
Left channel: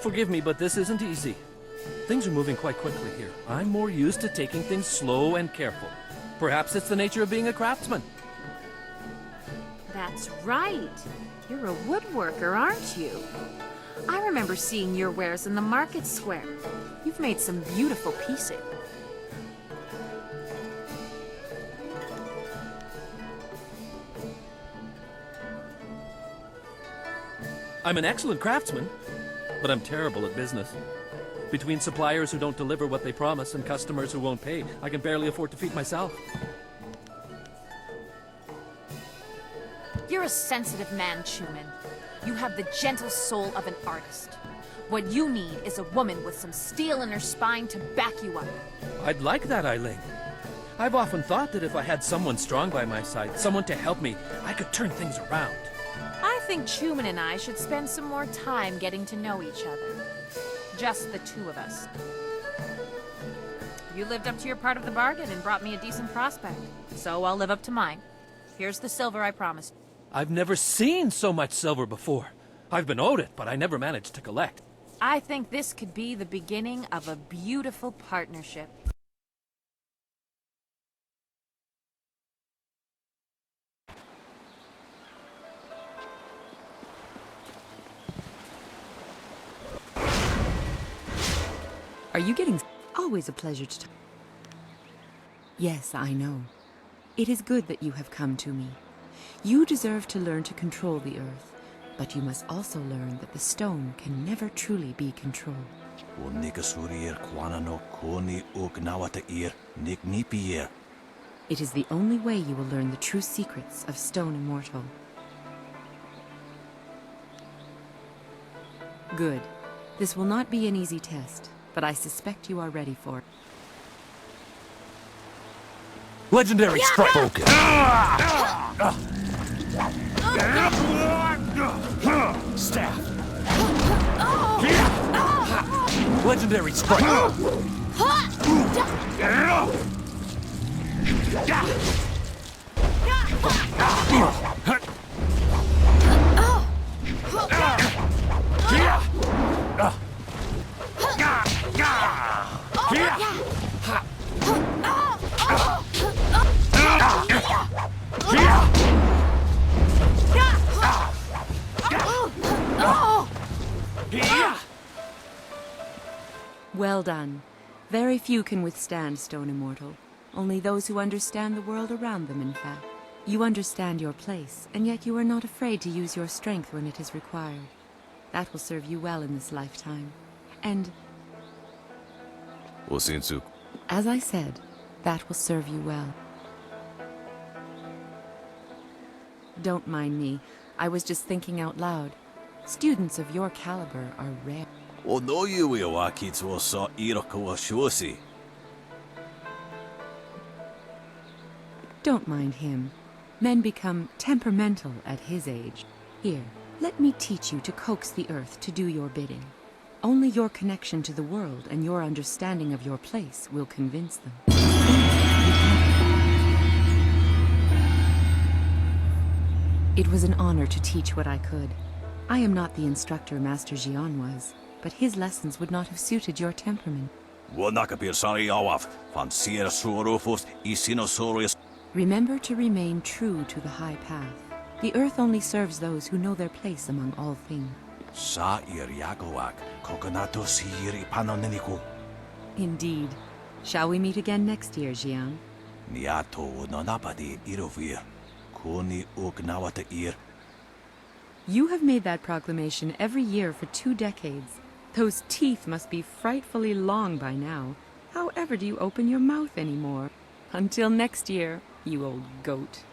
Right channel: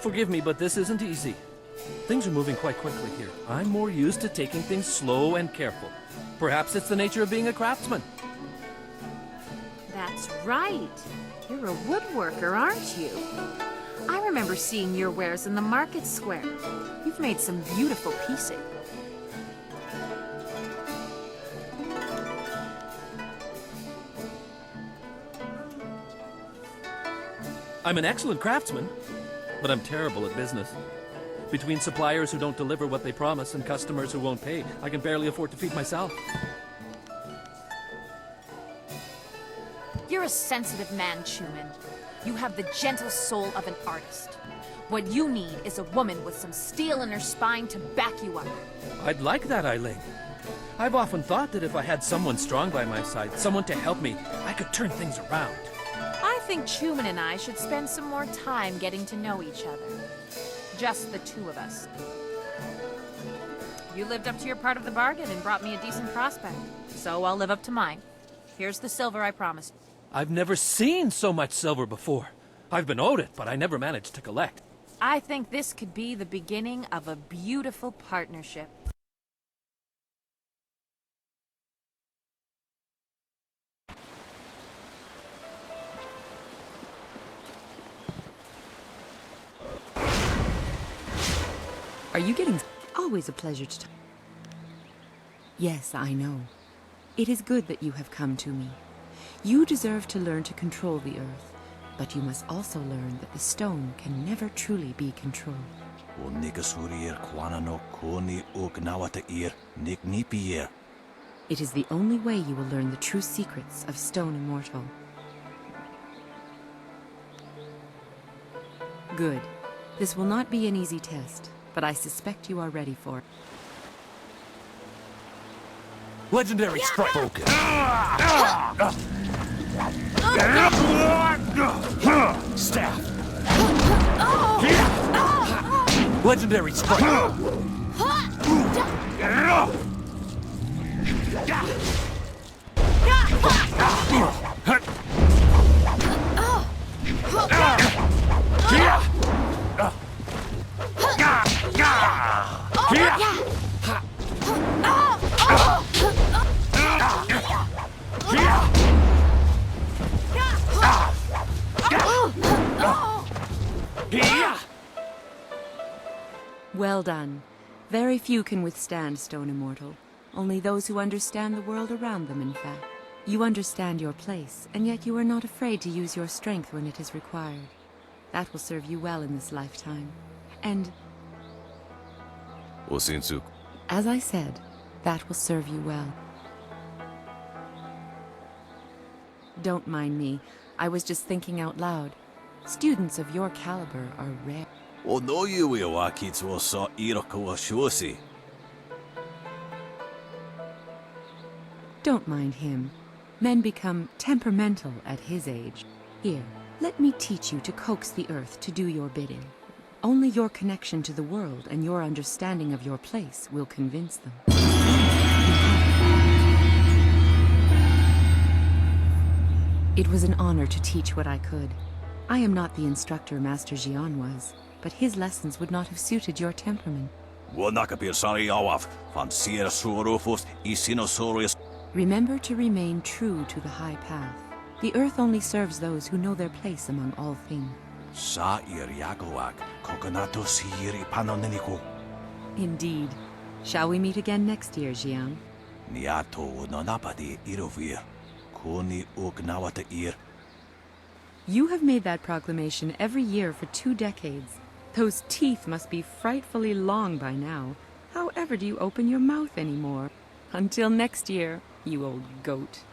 Forgive me, but this isn't easy. Things are moving quite quickly here. I'm more used to taking things slow and careful. Perhaps it's the nature of being a craftsman. That's right. You're a woodworker, aren't you? I remember seeing your wares in the market square. You've made some beautiful pieces. I'm an excellent craftsman, but I'm terrible at business. Between suppliers who don't deliver what they promise and customers who won't pay, I can barely afford to feed myself. You're a sensitive man, Chuman. You have the gentle soul of an artist. What you need is a woman with some steel in her spine to back you up. I'd like that, Ailing. I've often thought that if I had someone strong by my side, someone to help me, I could turn things around. I think Chuman and I should spend some more time getting to know each other. Just the two of us. You lived up to your part of the bargain and brought me a decent prospect. So I'll live up to mine. Here's the silver I promised. I've never seen so much silver before. I've been owed it, but I never managed to collect. I think this could be the beginning of a beautiful partnership. Are you getting... Always a pleasure to... Yes, I know. It is good that you have come to me. You deserve to learn to control the earth, but you must also learn that the stone can never truly be controlled. It is the only way you will learn the true secrets of Stone Immortal. Good. This will not be an easy test, but I suspect you are ready for it. Legendary strike! Focus! Staff! Legendary strike! Well done. Very few can withstand Stone Immortal. Only those who understand the world around them, in fact. You understand your place, and yet you are not afraid to use your strength when it is required. That will serve you well in this lifetime. And... as I said, that will serve you well. Don't mind me. I was just thinking out loud. Students of your caliber are rare. Don't mind him. Men become temperamental at his age. Here, let me teach you to coax the earth to do your bidding. Only your connection to the world and your understanding of your place will convince them. There, you have it. It was an honor to teach what I could. I am not the instructor Master Jian was, but his lessons would not have suited your temperament. Remember to remain true to the high path. The earth only serves those who know their place among all things. Indeed. Shall we meet again next year, Jiang? You have made that proclamation every year for 2 decades. Those teeth must be frightfully long by now. However do you open your mouth anymore? Until next year, you old goat.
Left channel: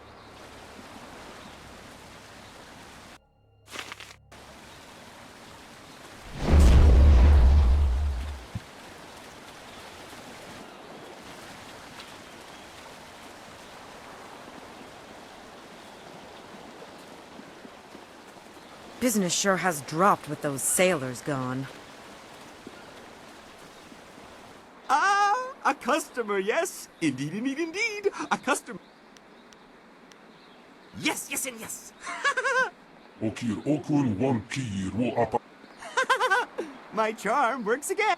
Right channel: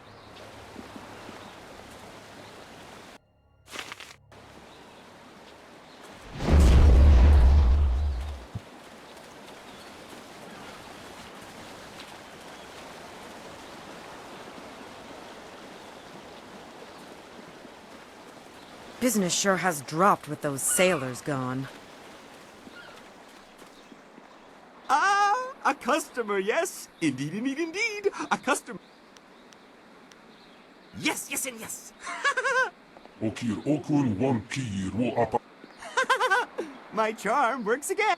Business sure has dropped with those sailors gone. Ah, a customer, yes. Indeed, indeed, indeed. A customer. Yes, yes, and yes. Okir okun wan kir wo apa. My charm works again.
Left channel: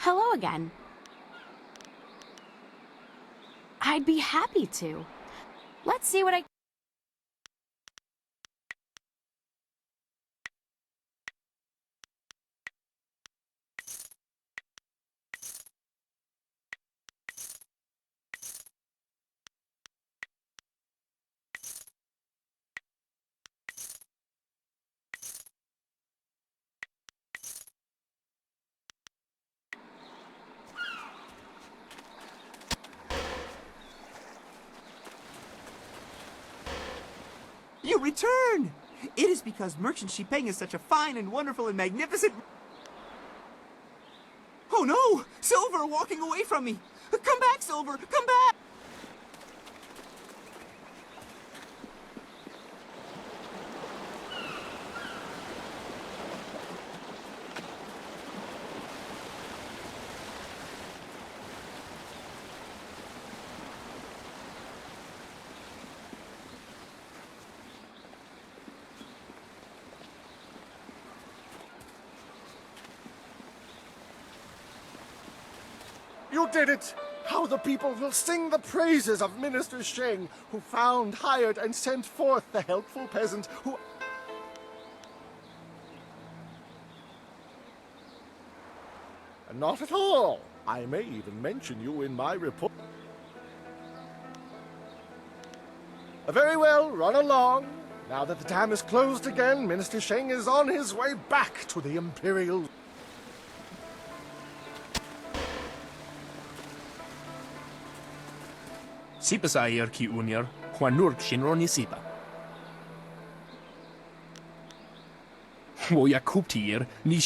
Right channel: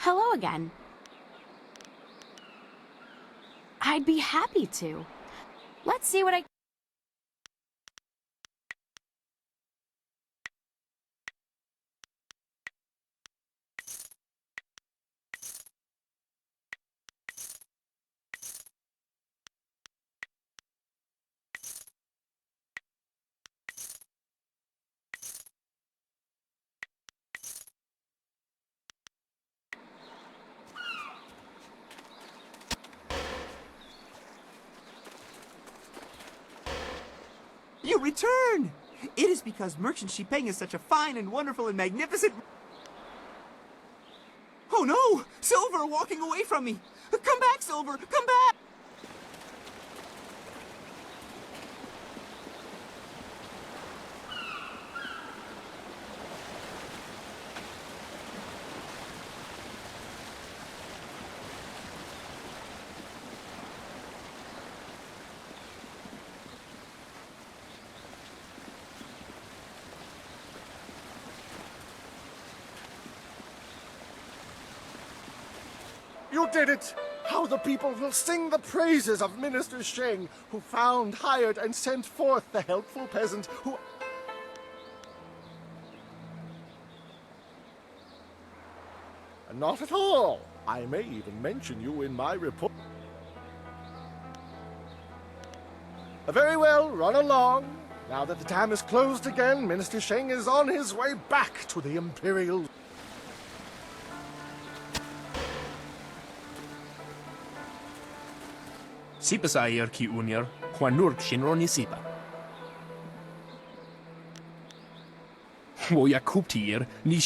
Hello again. I'd be happy to. Let's see what I... You return! It is because Merchant Shipeng is such a fine and wonderful and magnificent... Oh no! Silver walking away from me! Come back, Silver! Come back! You did it! How the people will sing the praises of Minister Sheng, who found, hired, and sent forth the helpful peasant who... Not at all. I may even mention you in my report. Very well, run along. Now that the dam is closed again, Minister Sheng is on his way back to the Imperial... Sipa sa ayer ki unyer, Juanurk shinron yisipa. Wo ya kuptier, ni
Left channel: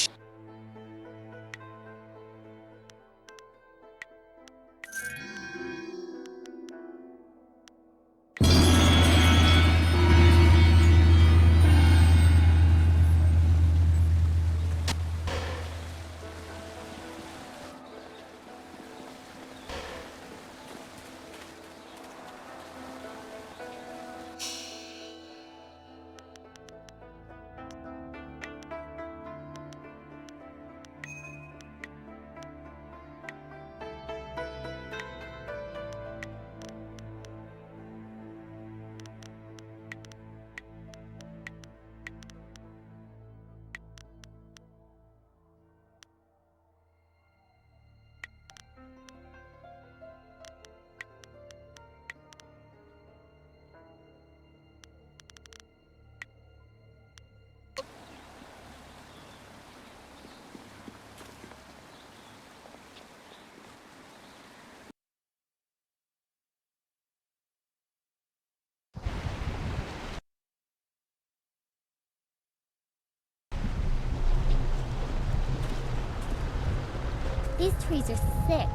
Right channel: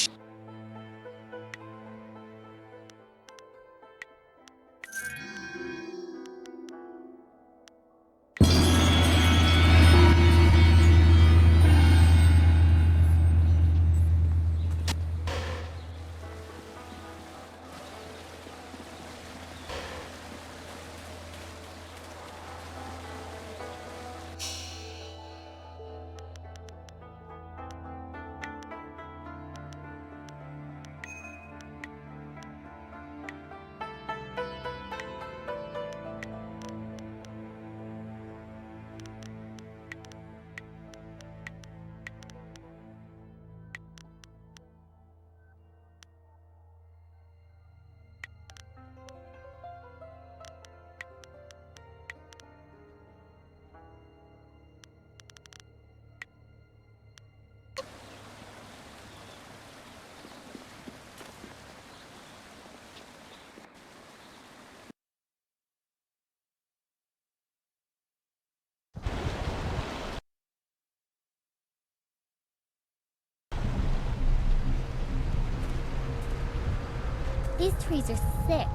These trees are sick.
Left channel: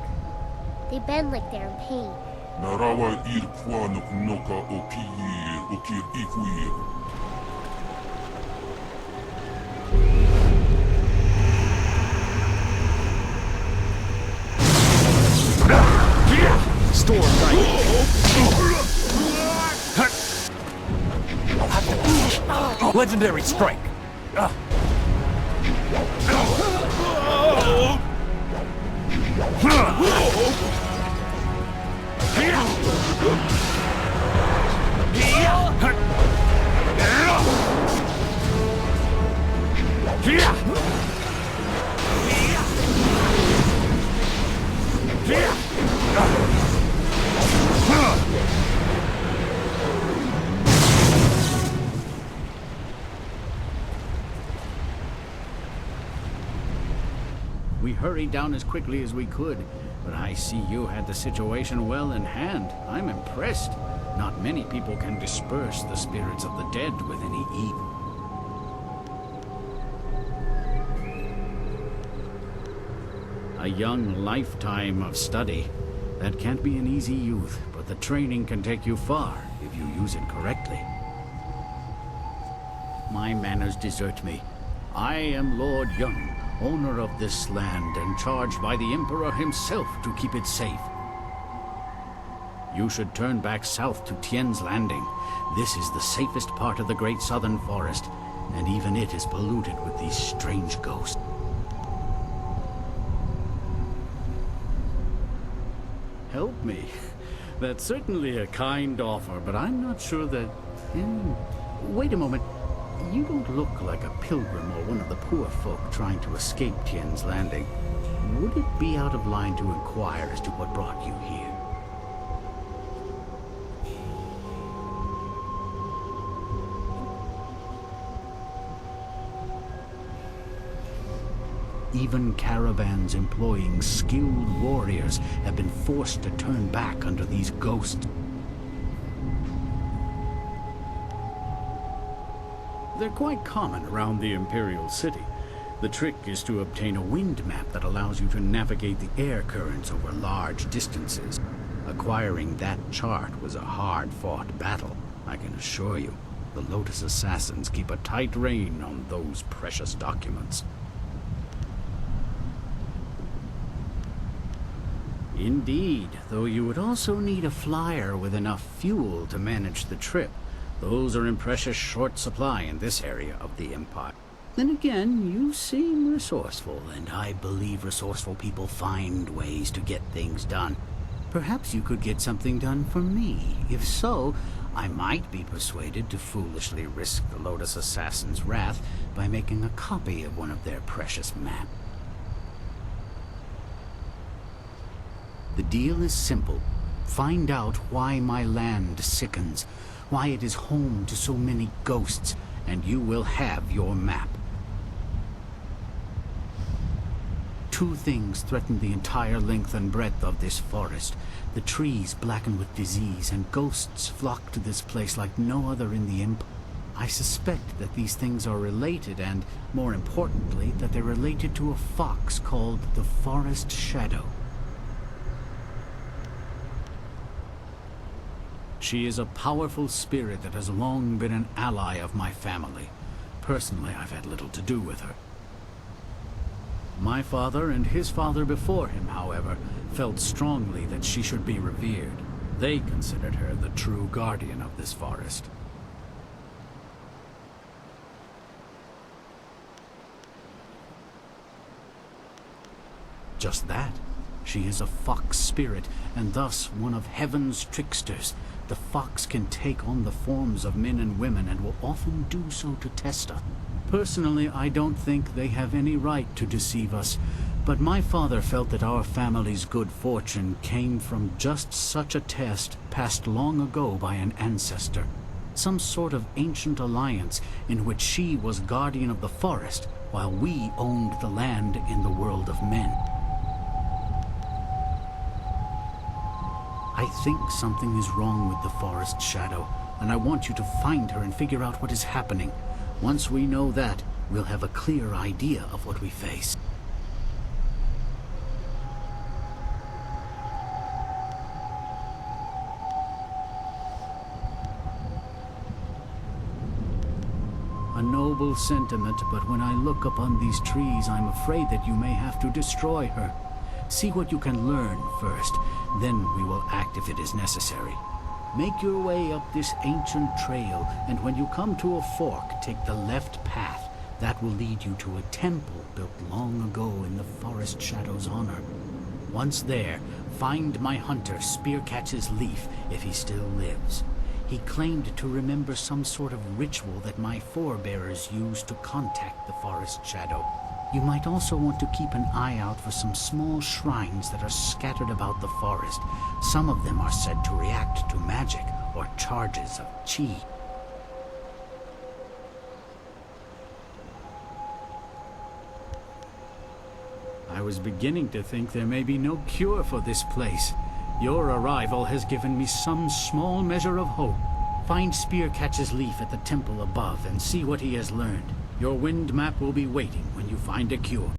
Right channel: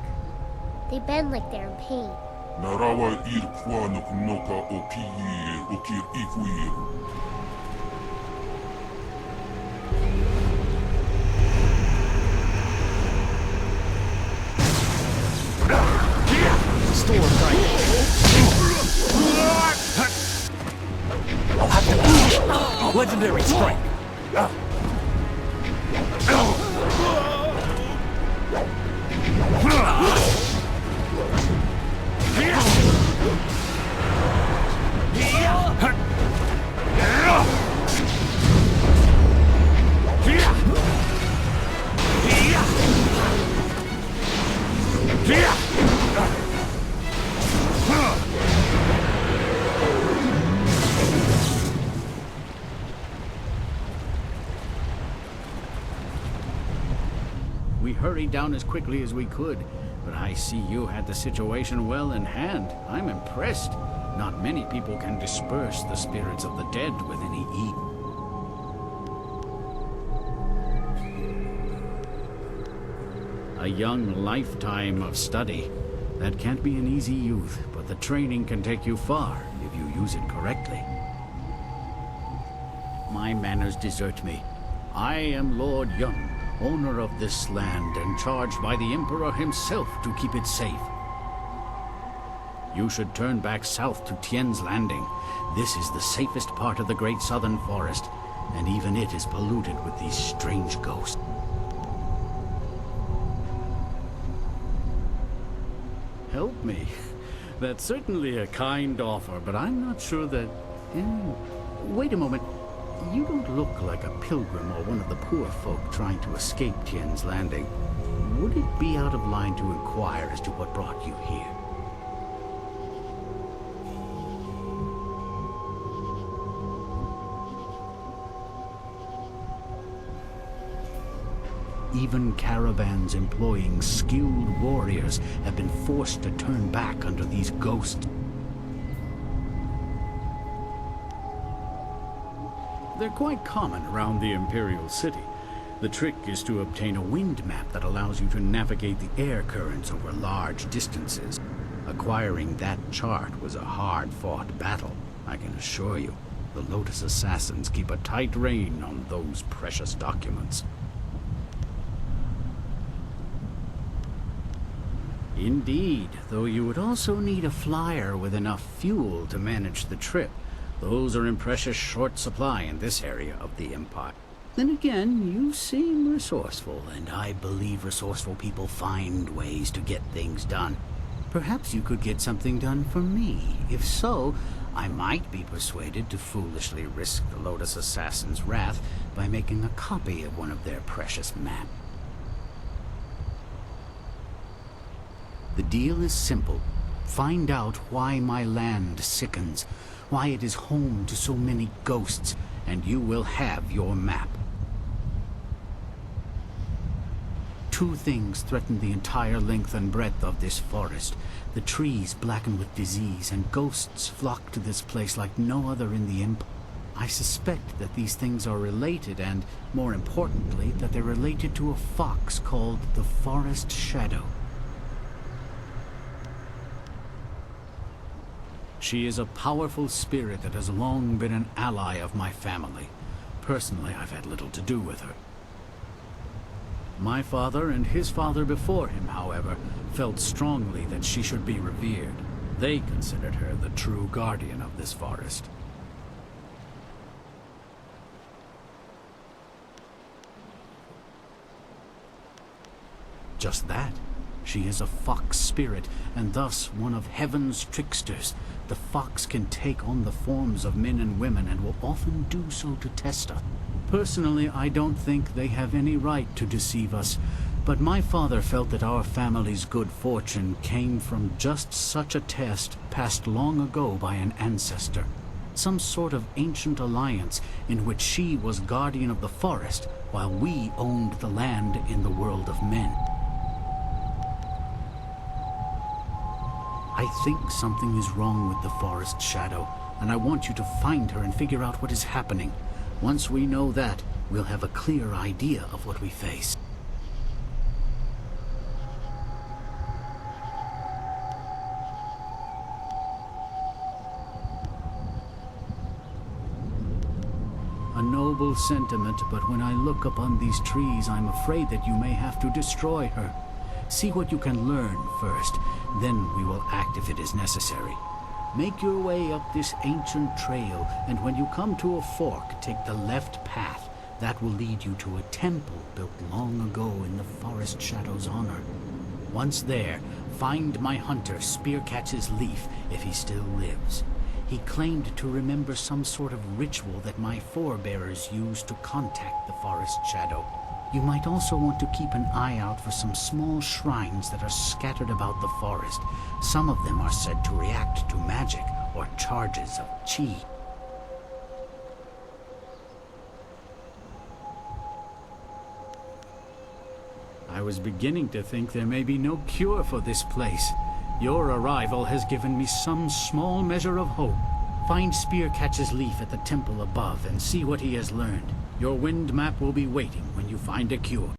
They bend like they're in pain. Narawa ir kwanok noka o kir okir ifuir. Storm Legendary strike. We hurried down as quickly as we could, but I see you had the situation well in hand. I'm impressed. Not many people can disperse the spirits of the dead with any ease. A young lifetime of study. That can't be an easy youth, but the training can take you far if you use it correctly. My manners desert me. I am Lord Yun, owner of this land and charged by the Emperor himself to keep it safe. You should turn back south to Tien's Landing. This is the safest part of the Great Southern Forest, and even it is polluted with these strange ghosts. Help me? That's certainly a kind offer, but I'm not sure that... Wait a moment. You don't look like a pilgrim or one of the poor folk trying to escape Tien's Landing. Would it be out of line to inquire as to what brought you here? Even caravans employing skilled warriors have been forced to turn back under these ghosts. They're quite common around the Imperial City. The trick is to obtain a wind map that allows you to navigate the air currents over large distances. Acquiring that chart was a hard-fought battle, I can assure you. The Lotus Assassins keep a tight rein on those precious documents. Indeed, though you would also need a flyer with enough fuel to manage the trip. Those are in precious short supply in this area of the Empire. Then again, you seem resourceful, and I believe resourceful people find ways to get things done. Perhaps you could get something done for me. If so, I might be persuaded to foolishly risk the Lotus Assassin's wrath by making a copy of one of their precious maps. The deal is simple. Find out why my land sickens, why it is home to so many ghosts, and you will have your map. Two things threaten the entire length and breadth of this forest. The trees blackened with disease, and ghosts flock to this place like no other in the Empire. I suspect that these things are related, and, more importantly, that they're related to a fox called the Forest Shadow. She is a powerful spirit that has long been an ally of my family. Personally, I've had little to do with her. My father and his father before him, however, felt strongly that she should be revered. They considered her the true guardian of this forest. Just that. She is a fox spirit, and thus one of heaven's tricksters. The fox can take on the forms of men and women, and will often do so to test us. Personally, I don't think they have any right to deceive us, but my father felt that our family's good fortune came from just such a test passed long ago by an ancestor. Some sort of ancient alliance in which she was guardian of the forest, while we owned the land in the world of men. I think something is wrong with the Forest Shadow, and I want you to find her and figure out what is happening. Once we know that, we'll have a clear idea of what we face. A noble sentiment, but when I look upon these trees, I'm afraid that you may have to destroy her. See what you can learn first, then we will act if it is necessary. Make your way up this ancient trail, and when you come to a fork, take the left path. That will lead you to a temple built long ago in the Forest Shadow's honor. Once there, find my hunter Spearcatch's Leaf if he still lives. He claimed to remember some sort of ritual that my forebears used to contact the Forest Shadow. You might also want to keep an eye out for some small shrines that are scattered about the forest. Some of them are said to react to magic or charges of chi. I was beginning to think there may be no cure for this place. Your arrival has given me some small measure of hope. Find Spearcatch's Leaf at the temple above and see what he has learned. Your wind map will be waiting when you find a cure.